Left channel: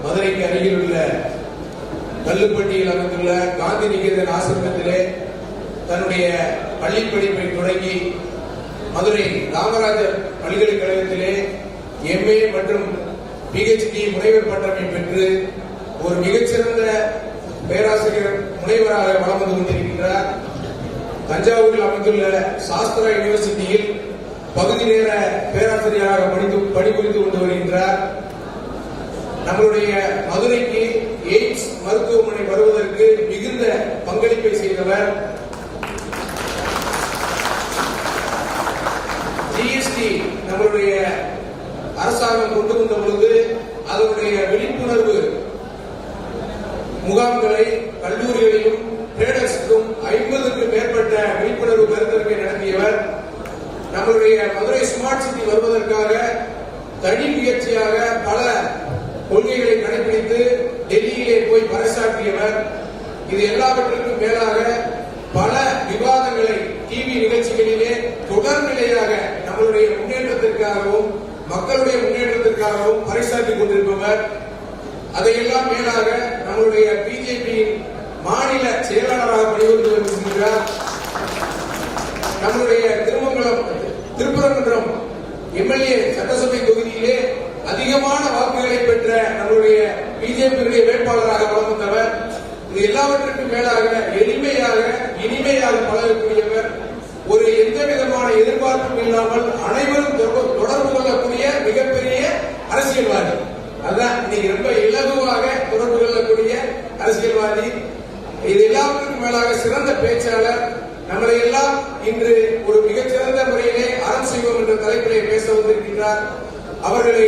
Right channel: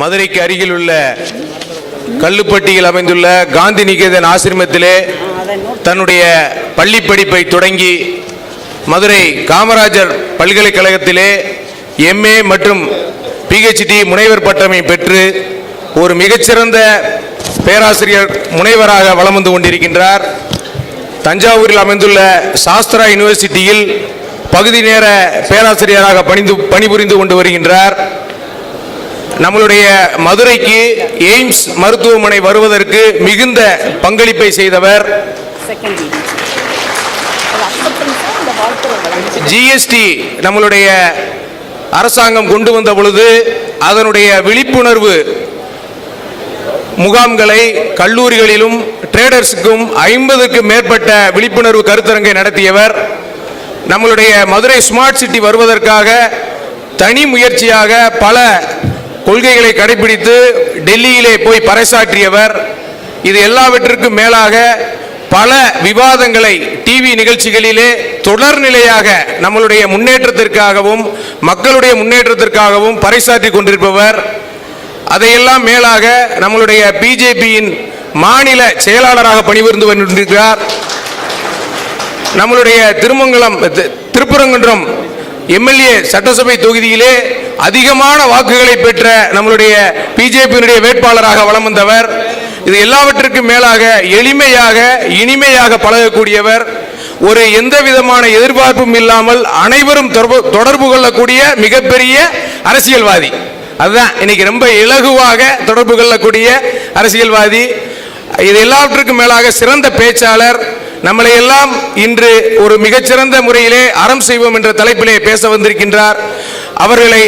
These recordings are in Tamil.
மதுரைக்கு அருகில் உள்ள கல்லுப்பட்டியில் அமைந்துள்ள காந்தி நிகேதன் ஆசிரமத்திலே தன்னுடைய பள்ளி படிப்பை தொடங்கி மதுரை காமராஜர் பல்கலைக்கழகத்திலே MA மற்றும் PhD முனைவர் பட்டமை பெற்று ஒரு மிகச்சிறந்த பேராசிரியர் முனைவராக வலம் வந்து கொண்டிருக்கின்றார். தஞ்சாவூரில் அமைந்துள்ள சாஸ்திரா யூனிவர்சிட்டியில் பகுதி நேர பேராசிரியராக பணிபுரிந்து கொண்டு வருகின்றார். நம்மளுடைய மதுரைக்கு எய்ம்ஸ் மருத்துவமனை வருவதற்கு மிகுந்த பங்களிப்பை செய்தவர். GST நம்மளுடைய அரசாங்கம் கொண்டு வந்த பொழுது அதனுடைய விழிப்புணர்வு முகாம்களை கல்லூரிகளிலும் ட்ரேடர்ஸுக்கும் 50க்கும் மேற்பட்ட விழிப்புணர்வு கருத்தரங்கை நடத்தியவர். நம்மளுடைய மதுரை ஸ்மார்ட் சிட்டி வருவதற்காக தனி முயற்சியாக பல கொள்கைகளை கடைபிடித்து டெல்லியிலே போய் பறைசாற்றியவர். இது எல்லாவற்றிற்கும் மேலாக பல விவாதங்களை டிவி நிகழ்ச்சிகளிலே தொடர்நிலையாக நம்மளுடைய முன்னேற்றத்திற்காகவும் மக்களுடைய முன்னேற்றத்திற்காகவும் பறைசாற்றி கொண்டிருப்பவர். அதையெல்லாம் மேலாக நம்மளுடைய பிஜேபியின் மாநில செயலாளராக பணிபுரிந்து கொண்டிருக்கிறார். நம்மளுடைய திருப்பரங்குன்றம் MLA சட்டசபை தொகுதியிலே அதிகமான வாக்குகளை பெற்ற நம்மளுடைய பிஜேபியினுடைய வேட்பாளராக வலம் வந்தவர். இது எல்லாவற்றிற்கும் மேலாக எளிமையாக இனிமையாக பழகக்கூடியவர். ஒரு எந்த விதமான எதிர்பார்ப்பும் இல்லாமல் அனைவரும் தொடர்பு கொள்ளக்கூடிய மிகப்பெரிய அரசியல்வாதி. அதுதான் இன்னைக்கு ரொம்ப இலகுவாக தொடர்பு கொள்ளக்கூடிய அரசியல்வாதி. இது எல்லாவற்றுக்கும் மேலாக சிறந்த பேச்சாளர். நம்மளை எல்லாம் இன்று ஒரு மிகச்சிறந்த முறையிலே அறம் செய்வோம் என்ற தலைப்பிலே பேச வந்திருக்கின்றார். அவர்களை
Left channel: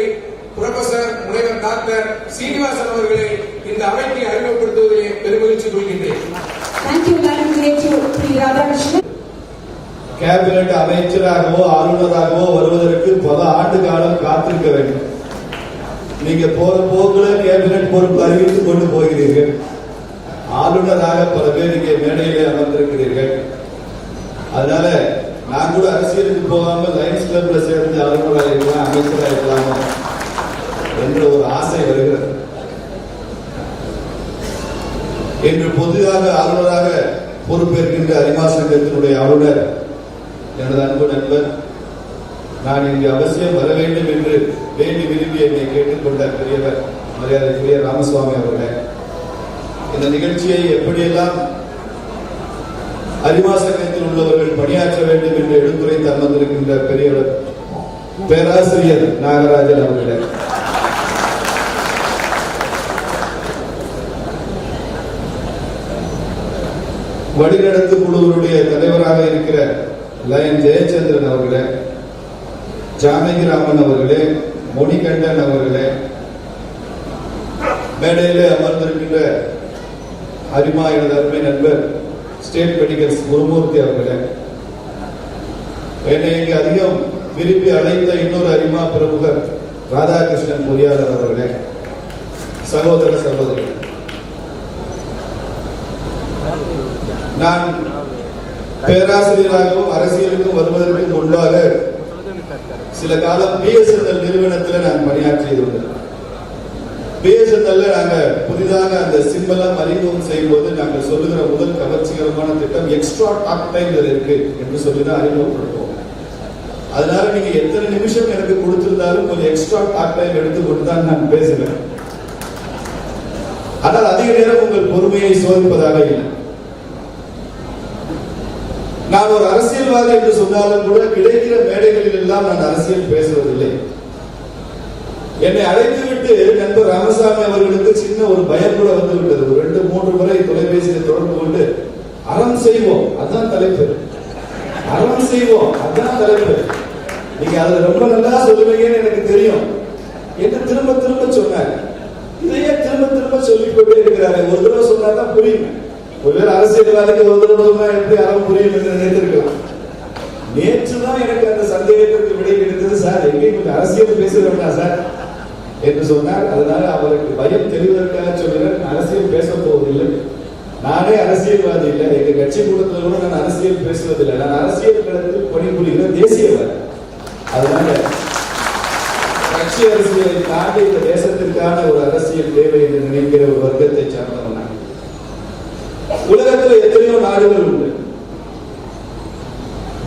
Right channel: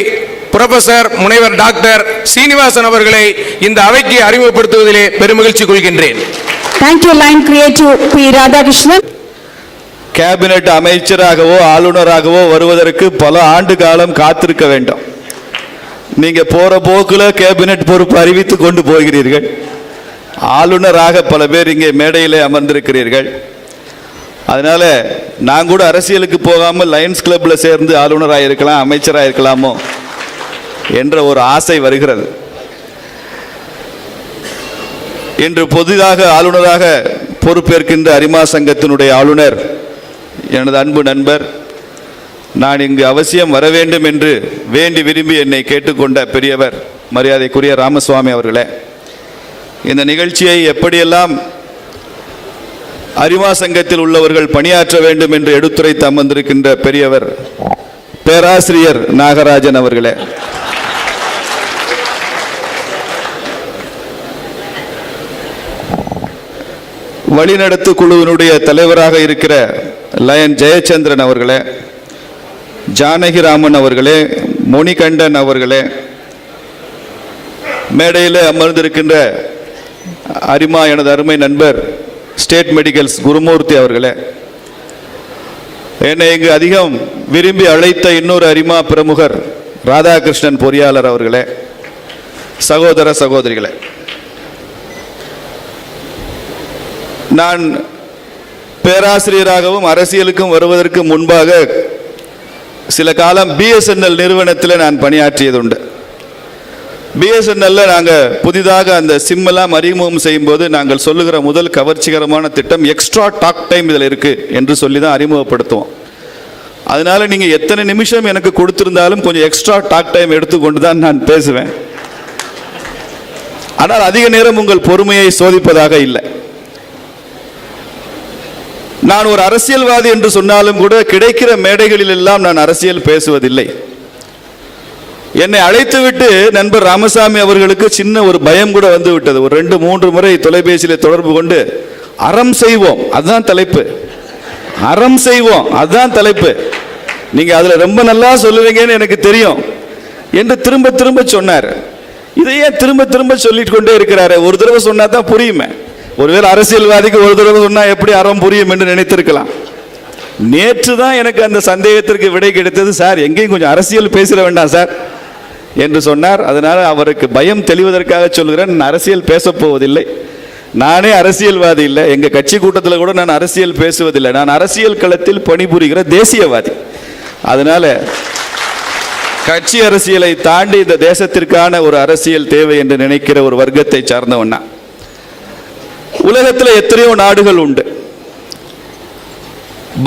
புரொஃபசர் முனைவர் டாக்டர் சீனிவாசன் அவர்களை இந்த அவைக்கு அறிமுகப்படுத்துவதிலே பெருமகிழ்ச்சி கொள்கின்றேன். கேபினட் அமைச்சராகவோ ஆளுநராகவோ வருவதற்கு பல ஆண்டு காலம் காத்திருக்க வேண்டும். நீங்க போற போக்குல கேபினட் பொறுப்பு அறிவித்து கொண்டு போகிறீர்கள். ஆளுநராக பல பேர் இங்கே மேடையிலே அமர்ந்திருக்கிறீர்கள். அதனால நான் கூட அரசியலுக்கு போகாமல் லயன்ஸ் கிளப்ல சேர்ந்து ஆளுநராக இருக்கலாம், அமைச்சராக இருக்கலாமோ என்ற ஒரு ஆசை வருகிறது. இன்று புதிதாக ஆளுநராக பொறுப்பேற்கின்ற அரிமா சங்கத்தினுடைய ஆளுநர் எனது அன்பு நண்பர், நான் இங்கு அவசியம் வர வேண்டும் என்று வேண்டி விரும்பி என்னை கேட்டுக்கொண்ட பெரியவர் மரியாதைக்குரிய ராமசுவாமி அவர்களே, இந்த நிகழ்ச்சியை எப்படியெல்லாம் அரிமா சங்கத்தில் உள்ளவர்கள் பணியாற்ற வேண்டும் என்று எடுத்துரைத்து அமர்ந்திருக்கின்ற பெரியவர் பேராசிரியர் நாகராஜன் அவர்களே, வழிநடத்து குழுவினுடைய தலைவராக இருக்கிற லயன் ஜெயச்சந்திரன் அவர்களே, ஜானகிராமன் அவர்களே, மணிகண்டன் அவர்களே, மேடையில் அமர்ந்திருக்கின்ற அரிமா எனது அருமை நண்பர் ஸ்டேட் மெடிக்கல்ஸ் குருமூர்த்தி அவர்களே, என்னை இங்கு அதிகம் விரும்பி அழைத்த இன்னொரு அரிமா பிரமுகர் ராதாகிருஷ்ணன் பொறியாளர் அவர்களே, சகோதர சகோதரிகளே, நான் பேராசிரியராகவும் அரசியலுக்கும் வருவதற்கு முன்பாக சில காலம் BSNL நிறுவனத்தில் நான் பணியாற்றியது உண்டு. BSNL நாங்கள் புதிதாக அந்த சிம் எல்லாம் அறிமுகம் செய்யும் போது நாங்கள் சொல்லுகிற முதல் கவர்ச்சிகரமான திட்டம் எக்ஸ்ட்ரா டாக் டைம் இதில் இருக்கு என்று சொல்லி தான் அறிமுகப்படுத்துவோம். அதனால நீங்க எத்தனை நிமிஷம் எனக்கு கொடுத்திருந்தாலும் கொஞ்சம் எக்ஸ்ட்ரா டாக் டைம் எடுத்துக்கொண்டு தான் நான் பேசுவேன். ஆனால் அதிக நேரம் உங்கள் பொறுமையை சோதிப்பதாக இல்லை. நான் ஒரு அரசியல்வாதி என்று சொன்னாலும் கூட கிடைக்கிற மேடைகளில் எல்லாம் நான் அரசியல் பேசுவதில்லை. என்னை அழைத்துவிட்டு நண்பர் ராமசாமி அவர்களுக்கு சின்ன ஒரு பயம் கூட வந்து விட்டது. ஒரு 2-3 முறை தொலைபேசியில் தொடர்பு கொண்டு அறம் செய்வோம் அதுதான் தலைப்பு, அறம் செய்வோம் அதுதான் தலைப்பு, நீங்க அதுல ரொம்ப நல்லா சொல்லுவீங்கன்னு எனக்கு தெரியும் என்று திரும்ப திரும்ப சொன்னார். இதையே திரும்ப திரும்ப சொல்லிட்டு கொண்டே இருக்கிறாரு. ஒரு தடவை சொன்னா தான் புரியுமே. ஒருவேளை அரசியல்வாதிக்கு ஒரு தடவை சொன்னா எப்படி அறம் புரியும் என்று நினைத்திருக்கலாம். நேற்று தான் எனக்கு அந்த சந்தேகத்திற்கு விடை கிடைத்தது. சார் எங்கேயும் கொஞ்சம் அரசியல் பேசிட வேண்டாம் சார் என்று சொன்னார். அதனால அவருக்கு பயம் தெளிவதற்காக சொல்கிறேன், நான் அரசியல் பேச போவதில்லை. நானே அரசியல்வாதி இல்லை, எங்க கட்சி கூட்டத்தில் கூட நான் அரசியல் பேசுவதில்லை. நான் அரசியல் களத்தில் பணிபுரிகிற தேசியவாதி. அதனால கட்சி அரசியலை தாண்டி இந்த தேசத்திற்கான ஒரு அரசியல் தேவை என்று நினைக்கிற ஒரு வர்க்கத்தை சார்ந்தவனா. உலகத்தில் எத்தனையோ நாடுகள் உண்டு.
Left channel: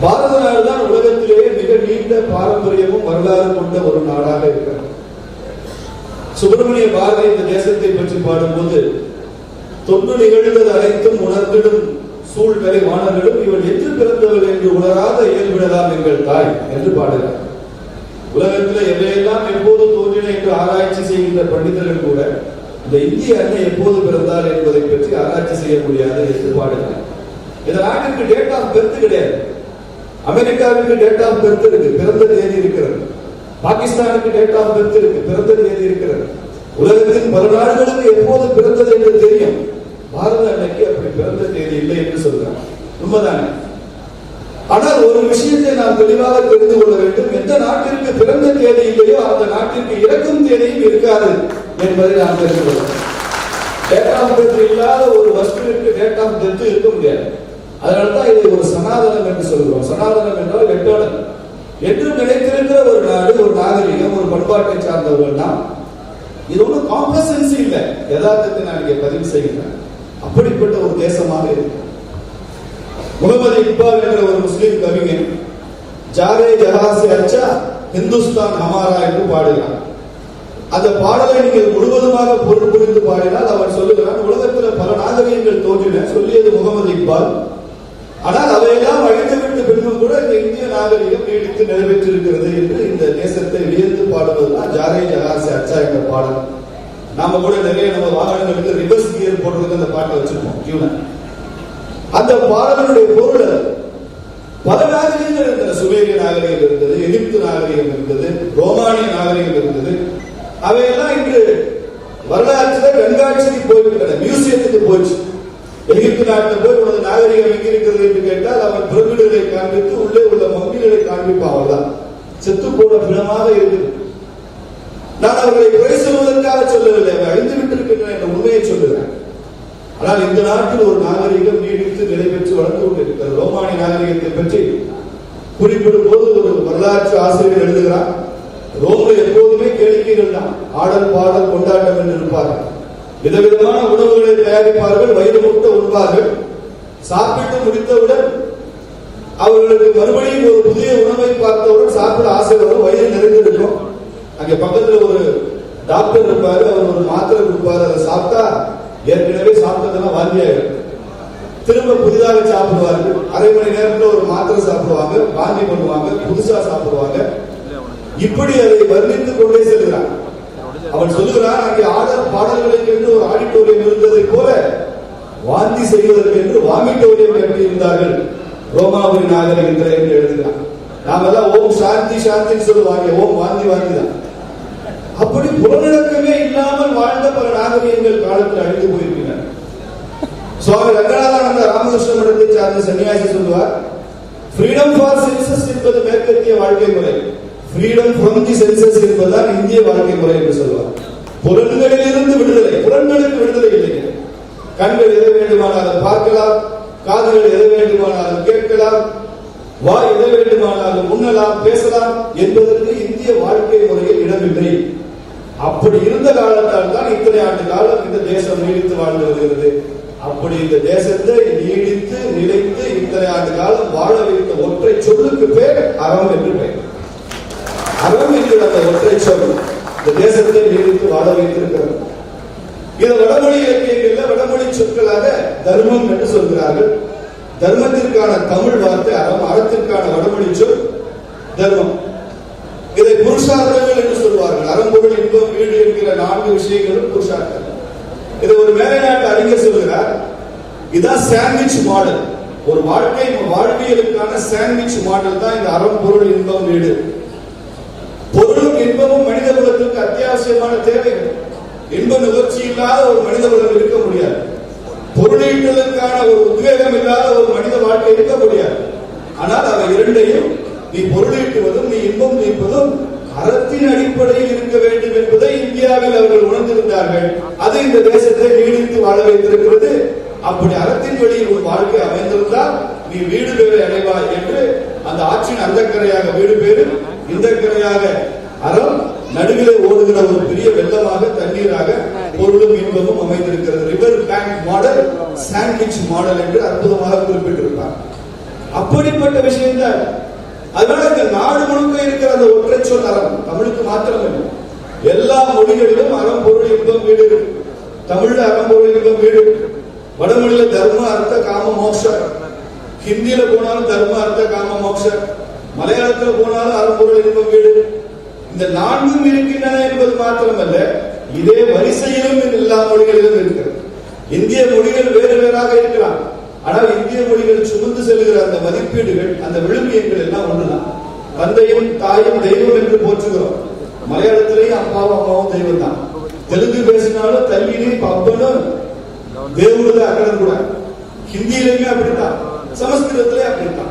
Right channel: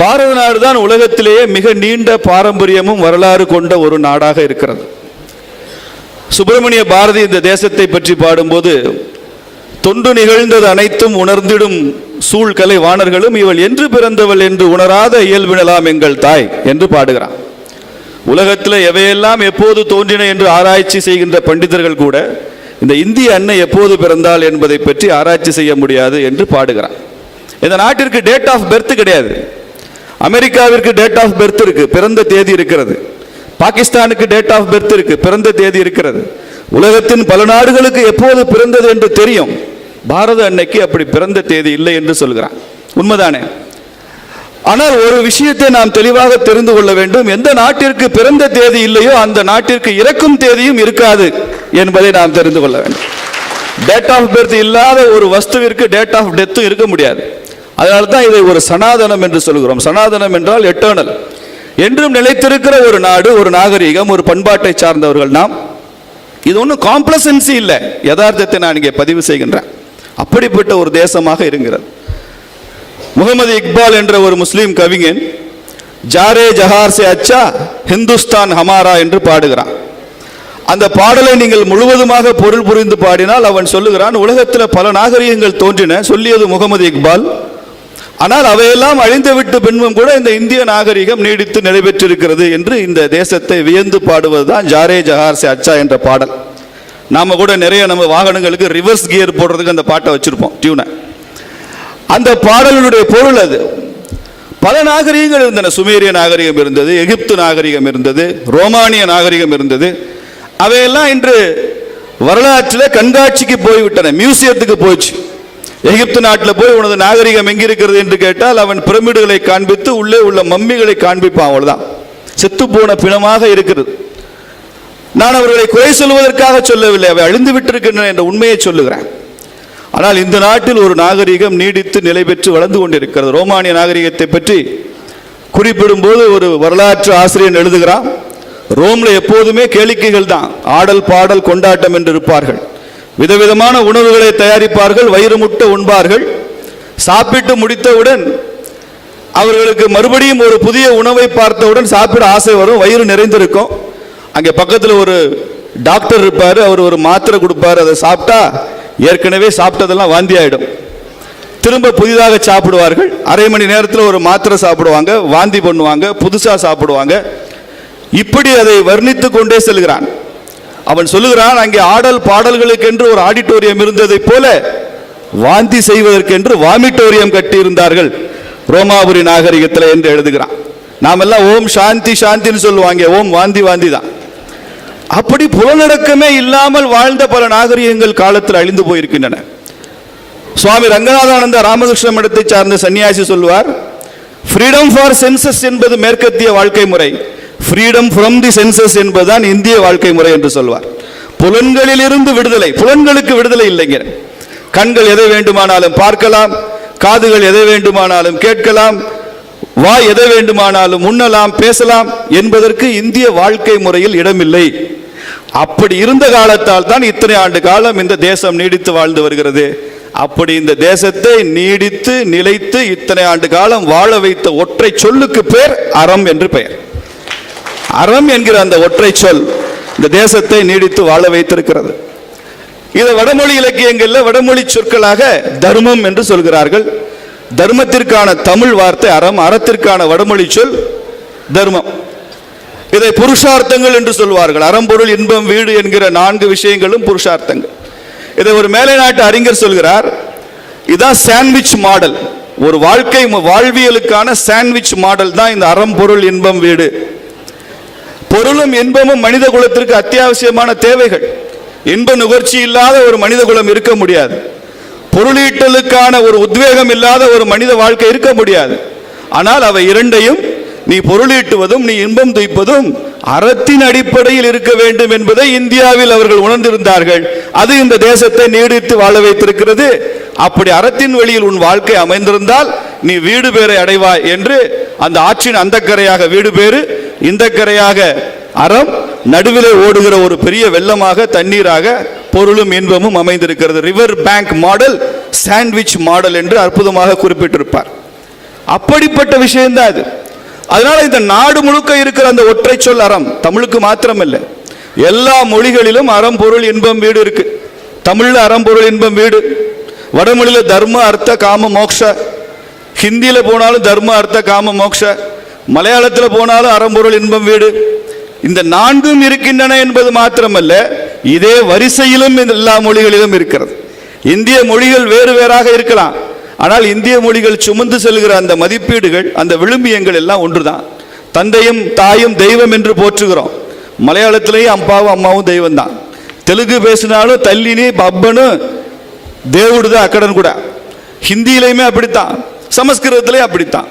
பாரத நாடு தான் உலகத்திலேயே மிக நீண்ட பாரம்பரியமும் வரலாறு கொண்ட ஒரு நாடாக இருக்கிறது. சுப்பிரமணிய பாரதி இந்த தேசத்தை பற்றி பாடும்போது, தொண்டு நிகழ்ந்தது அனைத்தும் உணர்ந்திடும் சூழ்கலை வாணர்களும் இவள் என்று பிறந்தவள் என்று உணராத இயல்பிடலாம் எங்கள் தாய் என்று பாடுகிறான். உலகத்தில் எவையெல்லாம் எப்போது தோன்றின என்று ஆராய்ச்சி செய்கின்ற பண்டிதர்கள் கூட இந்த இந்திய அன்னை எப்போது பிறந்தாள் என்பதை பற்றி ஆராய்ச்சி செய்ய முடியாது என்று பாடுகிறான். இந்த நாட்டிற்கு டேட் ஆஃப் பர்த் கிடையாது. அமெரிக்காவிற்கு டேட் ஆஃப் பர்த் இருக்கு, பிறந்த தேதி இருக்கிறது. பாகிஸ்தானுக்கு டேட் ஆஃப் பர்த் இருக்கு, பிறந்த தேதி இருக்கிறது. உலகத்தின் பல நாடுகளுக்கு எப்போது பிறந்தது என்று தெரியும். பாரத அன்னைக்கு அப்படி பிறந்த தேதி இல்லை என்று சொல்கிறான். உண்மைதானே? ஆனால் ஒரு விஷயத்தை நாம் தெளிவாக தெரிந்து கொள்ள வேண்டும். எந்த நாட்டிற்கு பிறந்த தேதி இல்லையோ அந்த நாட்டிற்கு இறக்கும் தேதியும் இருக்காது என்பதை நாம் தெரிந்து கொள்ள வேண்டும். டேட் ஆஃப் பர்த் இல்லாத ஒரு வஸ்துவிற்கு டேட் ஆஃப் டெத் இருக்க முடியாது. அதனால தான் இதை ஒரு சனாதனம் என்று சொல்கிறோம். சனாதனம் என்றால் எட்டர்னல், என்றும் நிலைத்திருக்கிற ஒரு நாடு, ஒரு நாகரிகம், ஒரு பண்பாட்டை சார்ந்தவர்கள் நாம். இது ஒன்றும் காம்ப்ளசன்சி இல்லை, யதார்த்தத்தை நான் இங்கே பதிவு செய்கின்றேன். அப்படிப்பட்ட ஒரு தேசமாக இருக்கிறது. முகமது இக்பால் என்ற ஒரு முஸ்லீம் கவிஞன் ஜாரே ஜஹார் சே அச்சா ஹிந்துஸ்தான் ஹமாரா என்று பாடுகிறான். அந்த பாடலை நீங்கள் முழுவதுமாக பொருள் புரிந்து பாடினால் அவன் சொல்லுகிறான், உலகத்தில் பல நாகரிகங்கள் தோன்றின, சொல்லியது முகமது இக்பால். ஆனால் அவையெல்லாம் அழிந்துவிட்டு பின்பும் கூட இந்த இந்திய நாகரிகம் நீடித்து நிறைவேற்றிருக்கிறது என்று இந்த தேசத்தை வியந்து பாடுவதுதான் ஜாரே ஜஹார் சே அச்சா என்ற பாடல். நாம கூட நிறைய நம்ம வாகனங்களுக்கு ரிவர்ஸ் கியர் போடுறதுக்கு அந்த பாட்டை வச்சிருப்போம், டியூனை. அந்த பாடலுடைய பொருள் அது. பல நாகரிகங்கள் இருந்தன. சுமேரிய நாகரிகம் இருந்தது, எகிப்து நாகரிகம் இருந்தது, ரோமானிய நாகரிகம் இருந்தது. அவையெல்லாம் இன்று வரலாற்றில் கண்காட்சிக்கு போய்விட்டன, மியூசியத்துக்கு போச்சு. எகிப்து நாட்டில் போய் உனது நாகரிகம் எங்கிருக்கிறது என்று கேட்டால் அவன் பிரமிடுகளை காண்பித்து உள்ளே உள்ள மம்மிகளை காண்பிப்பான். அவ்வளவுதான், செத்து போன பிணமாக இருக்கிறது. நான் அவர்களை குறை சொல்வதற்காக சொல்லவில்லை, அவை அழிந்து விட்டிருக்கின்றன என்ற உண்மையை சொல்லுகிறேன். ஆனால் இந்த நாட்டில் ஒரு நாகரிகம் நீடித்து நிலை பெற்று வளர்ந்து கொண்டிருக்கிறது. ரோமானிய நாகரிகத்தை பற்றி குறிப்பிடும் போது ஒரு வரலாற்று ஆசிரியர் எழுதுகிறான், ரோம்ல எப்போதுமே கேளிக்கைகள் தான், ஆடல் பாடல் கொண்டாட்டம் என்று இருப்பார்கள். விதவிதமான உணவுகளை தயாரிப்பார்கள், வயிறு முட்ட உண்பார்கள். சாப்பிட்டு முடித்தவுடன் அவர்களுக்கு மறுபடியும் ஒரு புதிய உணவை பார்த்தவுடன் சாப்பிட ஆசை வரும், வயிறு நிறைந்திருக்கும். அங்கே பக்கத்தில் ஒரு டாக்டர் இருப்பார், அவர் ஒரு மாத்திரை கொடுப்பார். அதை சாப்பிட்டா ஏற்கனவே சாப்பிட்டதெல்லாம் வாந்தி ஆயிடும். திரும்ப புதிதாக சாப்பிடுவார்கள். அரை மணி நேரத்தில் ஒரு மாத்திரை சாப்பிடுவாங்க, வாந்தி பண்ணுவாங்க, புதுசா சாப்பிடுவாங்க. இப்படி அதை வர்ணித்து கொண்டே செல்கிறான். அவன் சொல்லுகிறான், அங்கே ஆடல் பாடல்களுக்கென்று ஒரு ஆடிட்டோரியம் இருந்ததை போல வாந்தி செய்வதற்கென்று வாமிட்டோரியம் கட்டி இருந்தார்கள் ரோமாபுரி நாகரிகத்தில் என்று எழுதுகிறான். நாம் எல்லாம் ஓம் சாந்தி சாந்தின்னு சொல்லுவாங்க, ஓம் வாந்தி வாந்தி தான். அப்படி புலனடக்கமே இல்லாமல் வாழ்ந்த பல நாகரிகங்கள் காலத்தில் அழிந்து போயிருக்கின்றன. சுவாமி ரங்கநாதானந்த ராமகிருஷ்ண மடத்தை சார்ந்த சன்னியாசி சொல்வார், ஃப்ரீடம் ஃபார் சென்சஸ் என்பது மேற்கத்திய வாழ்க்கை முறை, ஃப்ரீடம் ஃப்ரம் தி சென்சஸ் என்பதுதான் இந்திய வாழ்க்கை முறை என்று சொல்வார். புலன்களில் இருந்து விடுதலை. புலன்களுக்கு விடுதலை இல்லைங்க. கண்கள் எதை வேண்டுமானாலும் பார்க்கலாம், காதுகள் எதை வேண்டுமானாலும் கேட்கலாம், வாய் எதை வேண்டுமானாலும் உண்ணலாம், பேசலாம் என்பதற்கு இந்திய வாழ்க்கை முறையில் இடமில்லை. அப்படி இருந்த காலத்தால் தான் இத்தனை ஆண்டு காலம் இந்த தேசம் நீடித்து வாழ்ந்து வருகிறது. அப்படி இந்த தேசத்தை நீடித்து நிலைத்து இத்தனை ஆண்டு காலம் வாழ வைத்த ஒற்றை சொல்லுக்கு பேர் அறம் என்று பெயர். அறம் என்கிற அந்த ஒற்றை சொல் இந்த தேசத்தை நீடித்து வாழ வைத்திருக்கிறது. இதை வடமொழி இலக்கியங்கள்ல வடமொழி சொற்களாக தர்மம் என்று சொல்கிறார்கள். தர்மத்திற்கான தமிழ் வார்த்தை அறம், அறத்திற்கான வடமொழி சொல் தர்மம். இதை புருஷார்த்தங்கள் என்று சொல்வார்கள். அறம்பொருள் இன்பம் வீடு என்கிற 4 விஷயங்களும் புருஷார்த்தங்கள். இதை ஒரு மேலை நாட்டு அறிஞர் சொல்கிறார், இதுதான் சாண்ட்விச் மாடல். ஒரு வாழ்க்கை வாழ்வியலுக்கான சாண்ட்விச் மாடல் தான் இந்த அறம் பொருள் இன்பம் வீடு. பொருளும் இன்பமும் மனித குலத்திற்கு அத்தியாவசியமான தேவைகள். இன்ப நுகர்ச்சி இல்லாத ஒரு மனித குலம் இருக்க முடியாது. பொருளீட்டலுக்கான ஒரு உத்வேகம் இல்லாத ஒரு மனித வாழ்க்கை இருக்க முடியாது. ஆனால் அவை இரண்டையும், நீ பொருளீட்டுவதும் நீ இன்பம் துய்ப்பதும் அறத்தின் அடிப்படையில் இருக்க வேண்டும் என்பதை இந்தியாவில் அவர்கள் உணர்ந்திருந்தார்கள். அது இந்த தேசத்தை நீடித்து வாழ வைத்திருக்கிறது. அப்படி அறத்தின் வழியில் உன் வாழ்க்கை அமைந்திருந்தால் நீ வீடு பேரை அடைவாய் என்று அந்த ஆற்றின் அந்த கரையாக வீடு பேரு, இந்த கரையாக அறம் நடுவிலே ஓடுகிற ஒரு பெரிய வெள்ளமாக தண்ணீராக பொருளும் இன்பமும் அமைந்திருக்கிறது. River bank model, sandwich model என்று அற்புதமாக குறிப்பிட்டிருப்பார். அப்படிப்பட்ட விஷயம்தான் அது. அதனால இந்த நாடு முழுக்க இருக்கிற அந்த ஒற்றை சொல் அறம், தமிழுக்கு மாத்திரம் இல்லை, எல்லா மொழிகளிலும் அறம் பொருள் இன்பம் வீடு இருக்கு. தமிழ்ல அறம் பொருள் இன்பம் வீடு, வடமொழியில தர்ம அர்த்த காம மோக்ஷ, ஹிந்தியில போனாலும் தர்ம அர்த்த காம மோக்ஷ, மலையாளத்தில் போனாலும் அறம் பொருள் இன்பம் வீடு. இந்த நான்கும் இருக்கின்றன என்பது மாத்திரமல்ல, இதே வரிசையிலும் எல்லா மொழிகளிலும் இருக்கிறது. இந்திய மொழிகள் வேறு வேறாக இருக்கலாம், ஆனால் இந்திய மொழிகள் சுமந்து செல்கிற அந்த மதிப்பீடுகள், அந்த விழுமியங்கள் எல்லாம் ஒன்றுதான். தந்தையும் தாயும் தெய்வம் என்று போற்றுகிறோம். மலையாளத்திலேயே அப்பாவும் அம்மாவும் தெய்வம் தான். தெலுங்கு பேசினாலும் தல்லினி அப்பனு தேவுடு தான் அக்கடன் கூட. ஹிந்தியிலையுமே அப்படித்தான், சமஸ்கிருதத்திலே அப்படித்தான்.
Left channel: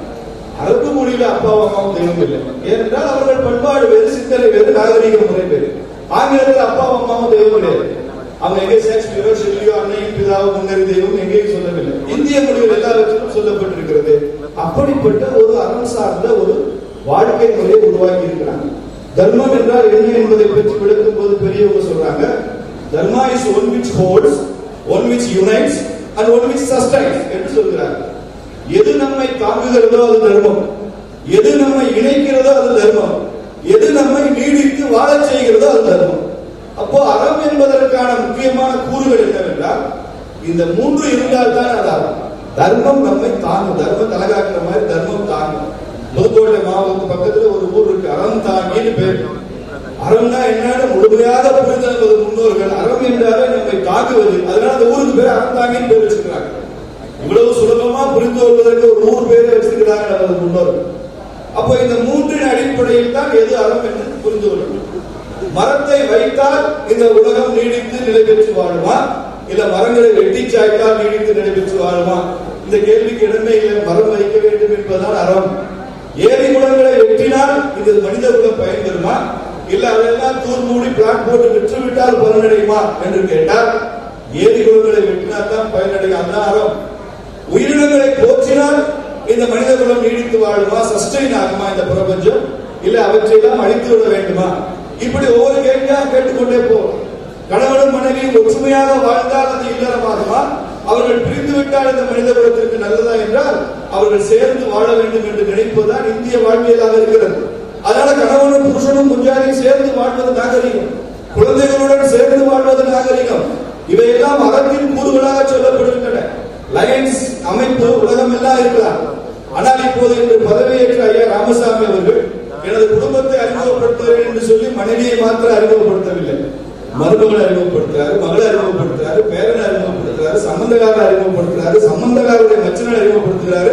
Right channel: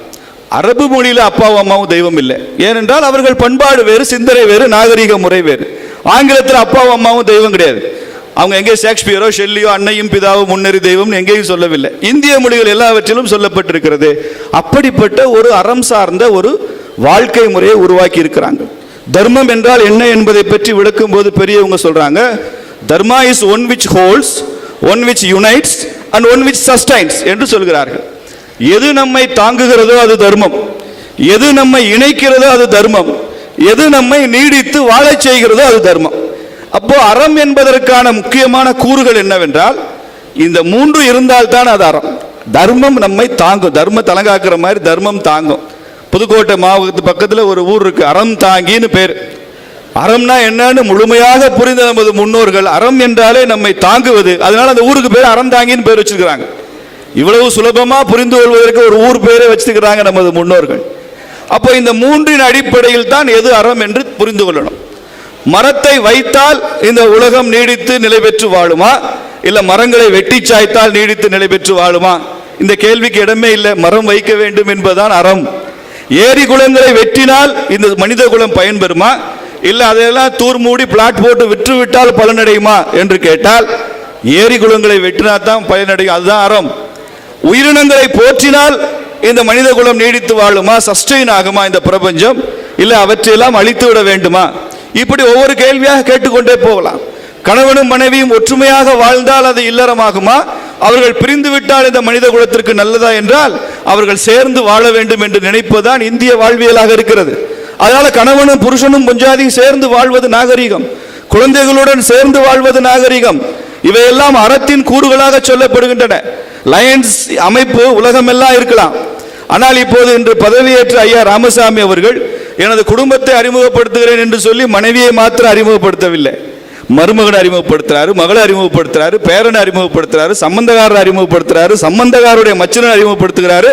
அரபு மொழியில அப்பாவும் அம்மாவும் தெய்வம் இல்லை. ஏனென்றால் அவர்கள் பண்பாடு வேறு, சிந்தனை வேறு, நாகரிக முறை வேறு. ஆங்கிலத்தில் அப்பாவும் அம்மாவும் தெய்வம் கிடையாது. அவங்க எங்கே ஷேக்ஸ்பியரோ ஷெல்லியோ அன்னையும் பிதாவும் முன்னறி தெய்வம் எங்கேயும் சொல்லவில்லை. இந்திய மொழிகள் எல்லாவற்றிலும் சொல்லப்பட்டிருக்கிறது. அப்படிப்பட்ட ஒரு அறம் சார்ந்த ஒரு வாழ்க்கை முறையை உருவாக்கி இருக்கிறாங்க. தர்மம் என்றால் என்ன என்பதை பற்றி விளக்கும் போது பெரியவங்க சொல்றாங்க, dharma is one which holds, one which unites and one which sustains என்று சொல்கிறார்கள். எது நம்மை தாங்குகிறதோ அது தர்மம், எது நம்மை இணைக்கிறதோ அது தர்மம், எது நம்மை நீடித்து வாழச் செய்கிறதோ அது தர்மம். அப்போ அறம் என்பதற்கான முக்கியமான கூறுகள் என்னவென்றால், இந்த மூன்று இருந்தால்தான் அது அறம். தர்மம் நம்மை தாங்கும், தர்ம தலங்காக்கிற மாதிரி தர்மம் தாங்கும். புதுக்கோட்டை மாவட்ட பக்கத்தில் ஒரு ஊர் இருக்கு, அறம் தாங்கின்னு பேர். அறம்னா என்னன்னு முழுமையாக புரிந்த நமது முன்னோர்கள் அறம் என்றாலே நம்மை தாங்குவது, அதனால அந்த ஊருக்கு பேர் அறம் தாங்கின்னு பேர் வச்சிருக்கிறாங்க. இவ்வளவு சுலபமா புரிந்து கொள்வதற்கு ஒரு ஊர் பேரை வச்சிருக்கிறாங்க நமது முன்னோர்கள். அப்போ இந்த மூன்றின் அடிப்படையில் தான் எது அறம் என்று புரிந்து கொள்ளணும். மரத்தை வைத்தால் இந்த உலகம் நீடித்து நிலை பெற்று வாழுமா, இல்ல மரங்களை வெட்டி சாய்த்தால் நீடித்து நிலை பெற்று வாழுமா? இந்த கேள்விக்கு இடமே இல்லை. மரம் வைக்க வேண்டும் என்பதுதான் அறம். ஏரி குளங்களை வெட்டினால் இந்த மனித குலம் பயன்பெறுமா, இல்ல அதையெல்லாம் தூர் மூடி பிளாட் போட்டு விற்று விட்டால் பலனடையுமா என்று கேட்டால், ஏரி குளங்களை வெட்டினா தான் பயனடையும், அதுதான் அறம். உயிரினங்களை போற்றினால் இந்த மனித குலம் நீடித்து வாழுமா, சஸ்டெயின் ஆகுமா இந்த பிரபஞ்சம், இல்ல அவற்றையெல்லாம் அழித்து விட வேண்டுமா? இப்படி ஒவ்வொரு கேள்வியாக கேட்டுக்கொண்டே போகலாம். கணவனும் மனைவியும் ஒற்றுமையாக வாழ்ந்தால் அது இல்லறமாகுமா, அவர்கள் பிரிந்து விட்டால் இந்த மனித குலத்திற்கு நல்லதா என்றால் அவர்கள் சேர்ந்து வாழ வேண்டும் என்று நினைப்பதுதான் இந்திய வாழ்வியலாக இருக்கிறது. அதனால கணவனும் புருஷனும் முஞ்சாதியும் சேர்ந்து வாழ்வது நாகரிகம், குழந்தைகளுடன் சேர்ந்து வாழ்வது நாகரிகம். இவையெல்லாம் அறத்தின் கூறுகளாக சொல்லப்படுகின்றன. லயன்ஸ் அமைப்பு உலகமெல்லாம் இருக்கலாம், ஆனால் இப்போது இன்று பதவியேற்ற ஐயா ராமசாமி அவர்கள் எனது குடும்பத்தை அறிமுகப்படுத்துகிறேன் என்று சொல்லி மனைவியை மாத்திரம் அறிமுகப்படுத்தவில்லை, மருமகனை அறிமுகப்படுத்துறாரு, மகளை அறிமுகப்படுத்துறாரு, பேரனை அறிமுகப்படுத்துறாரு, சம்பந்தக்காரரை அறிமுகப்படுத்துறாரு, சம்பந்தக்காரருடைய மச்சனை அறிமுகப்படுத்துகிறாரு.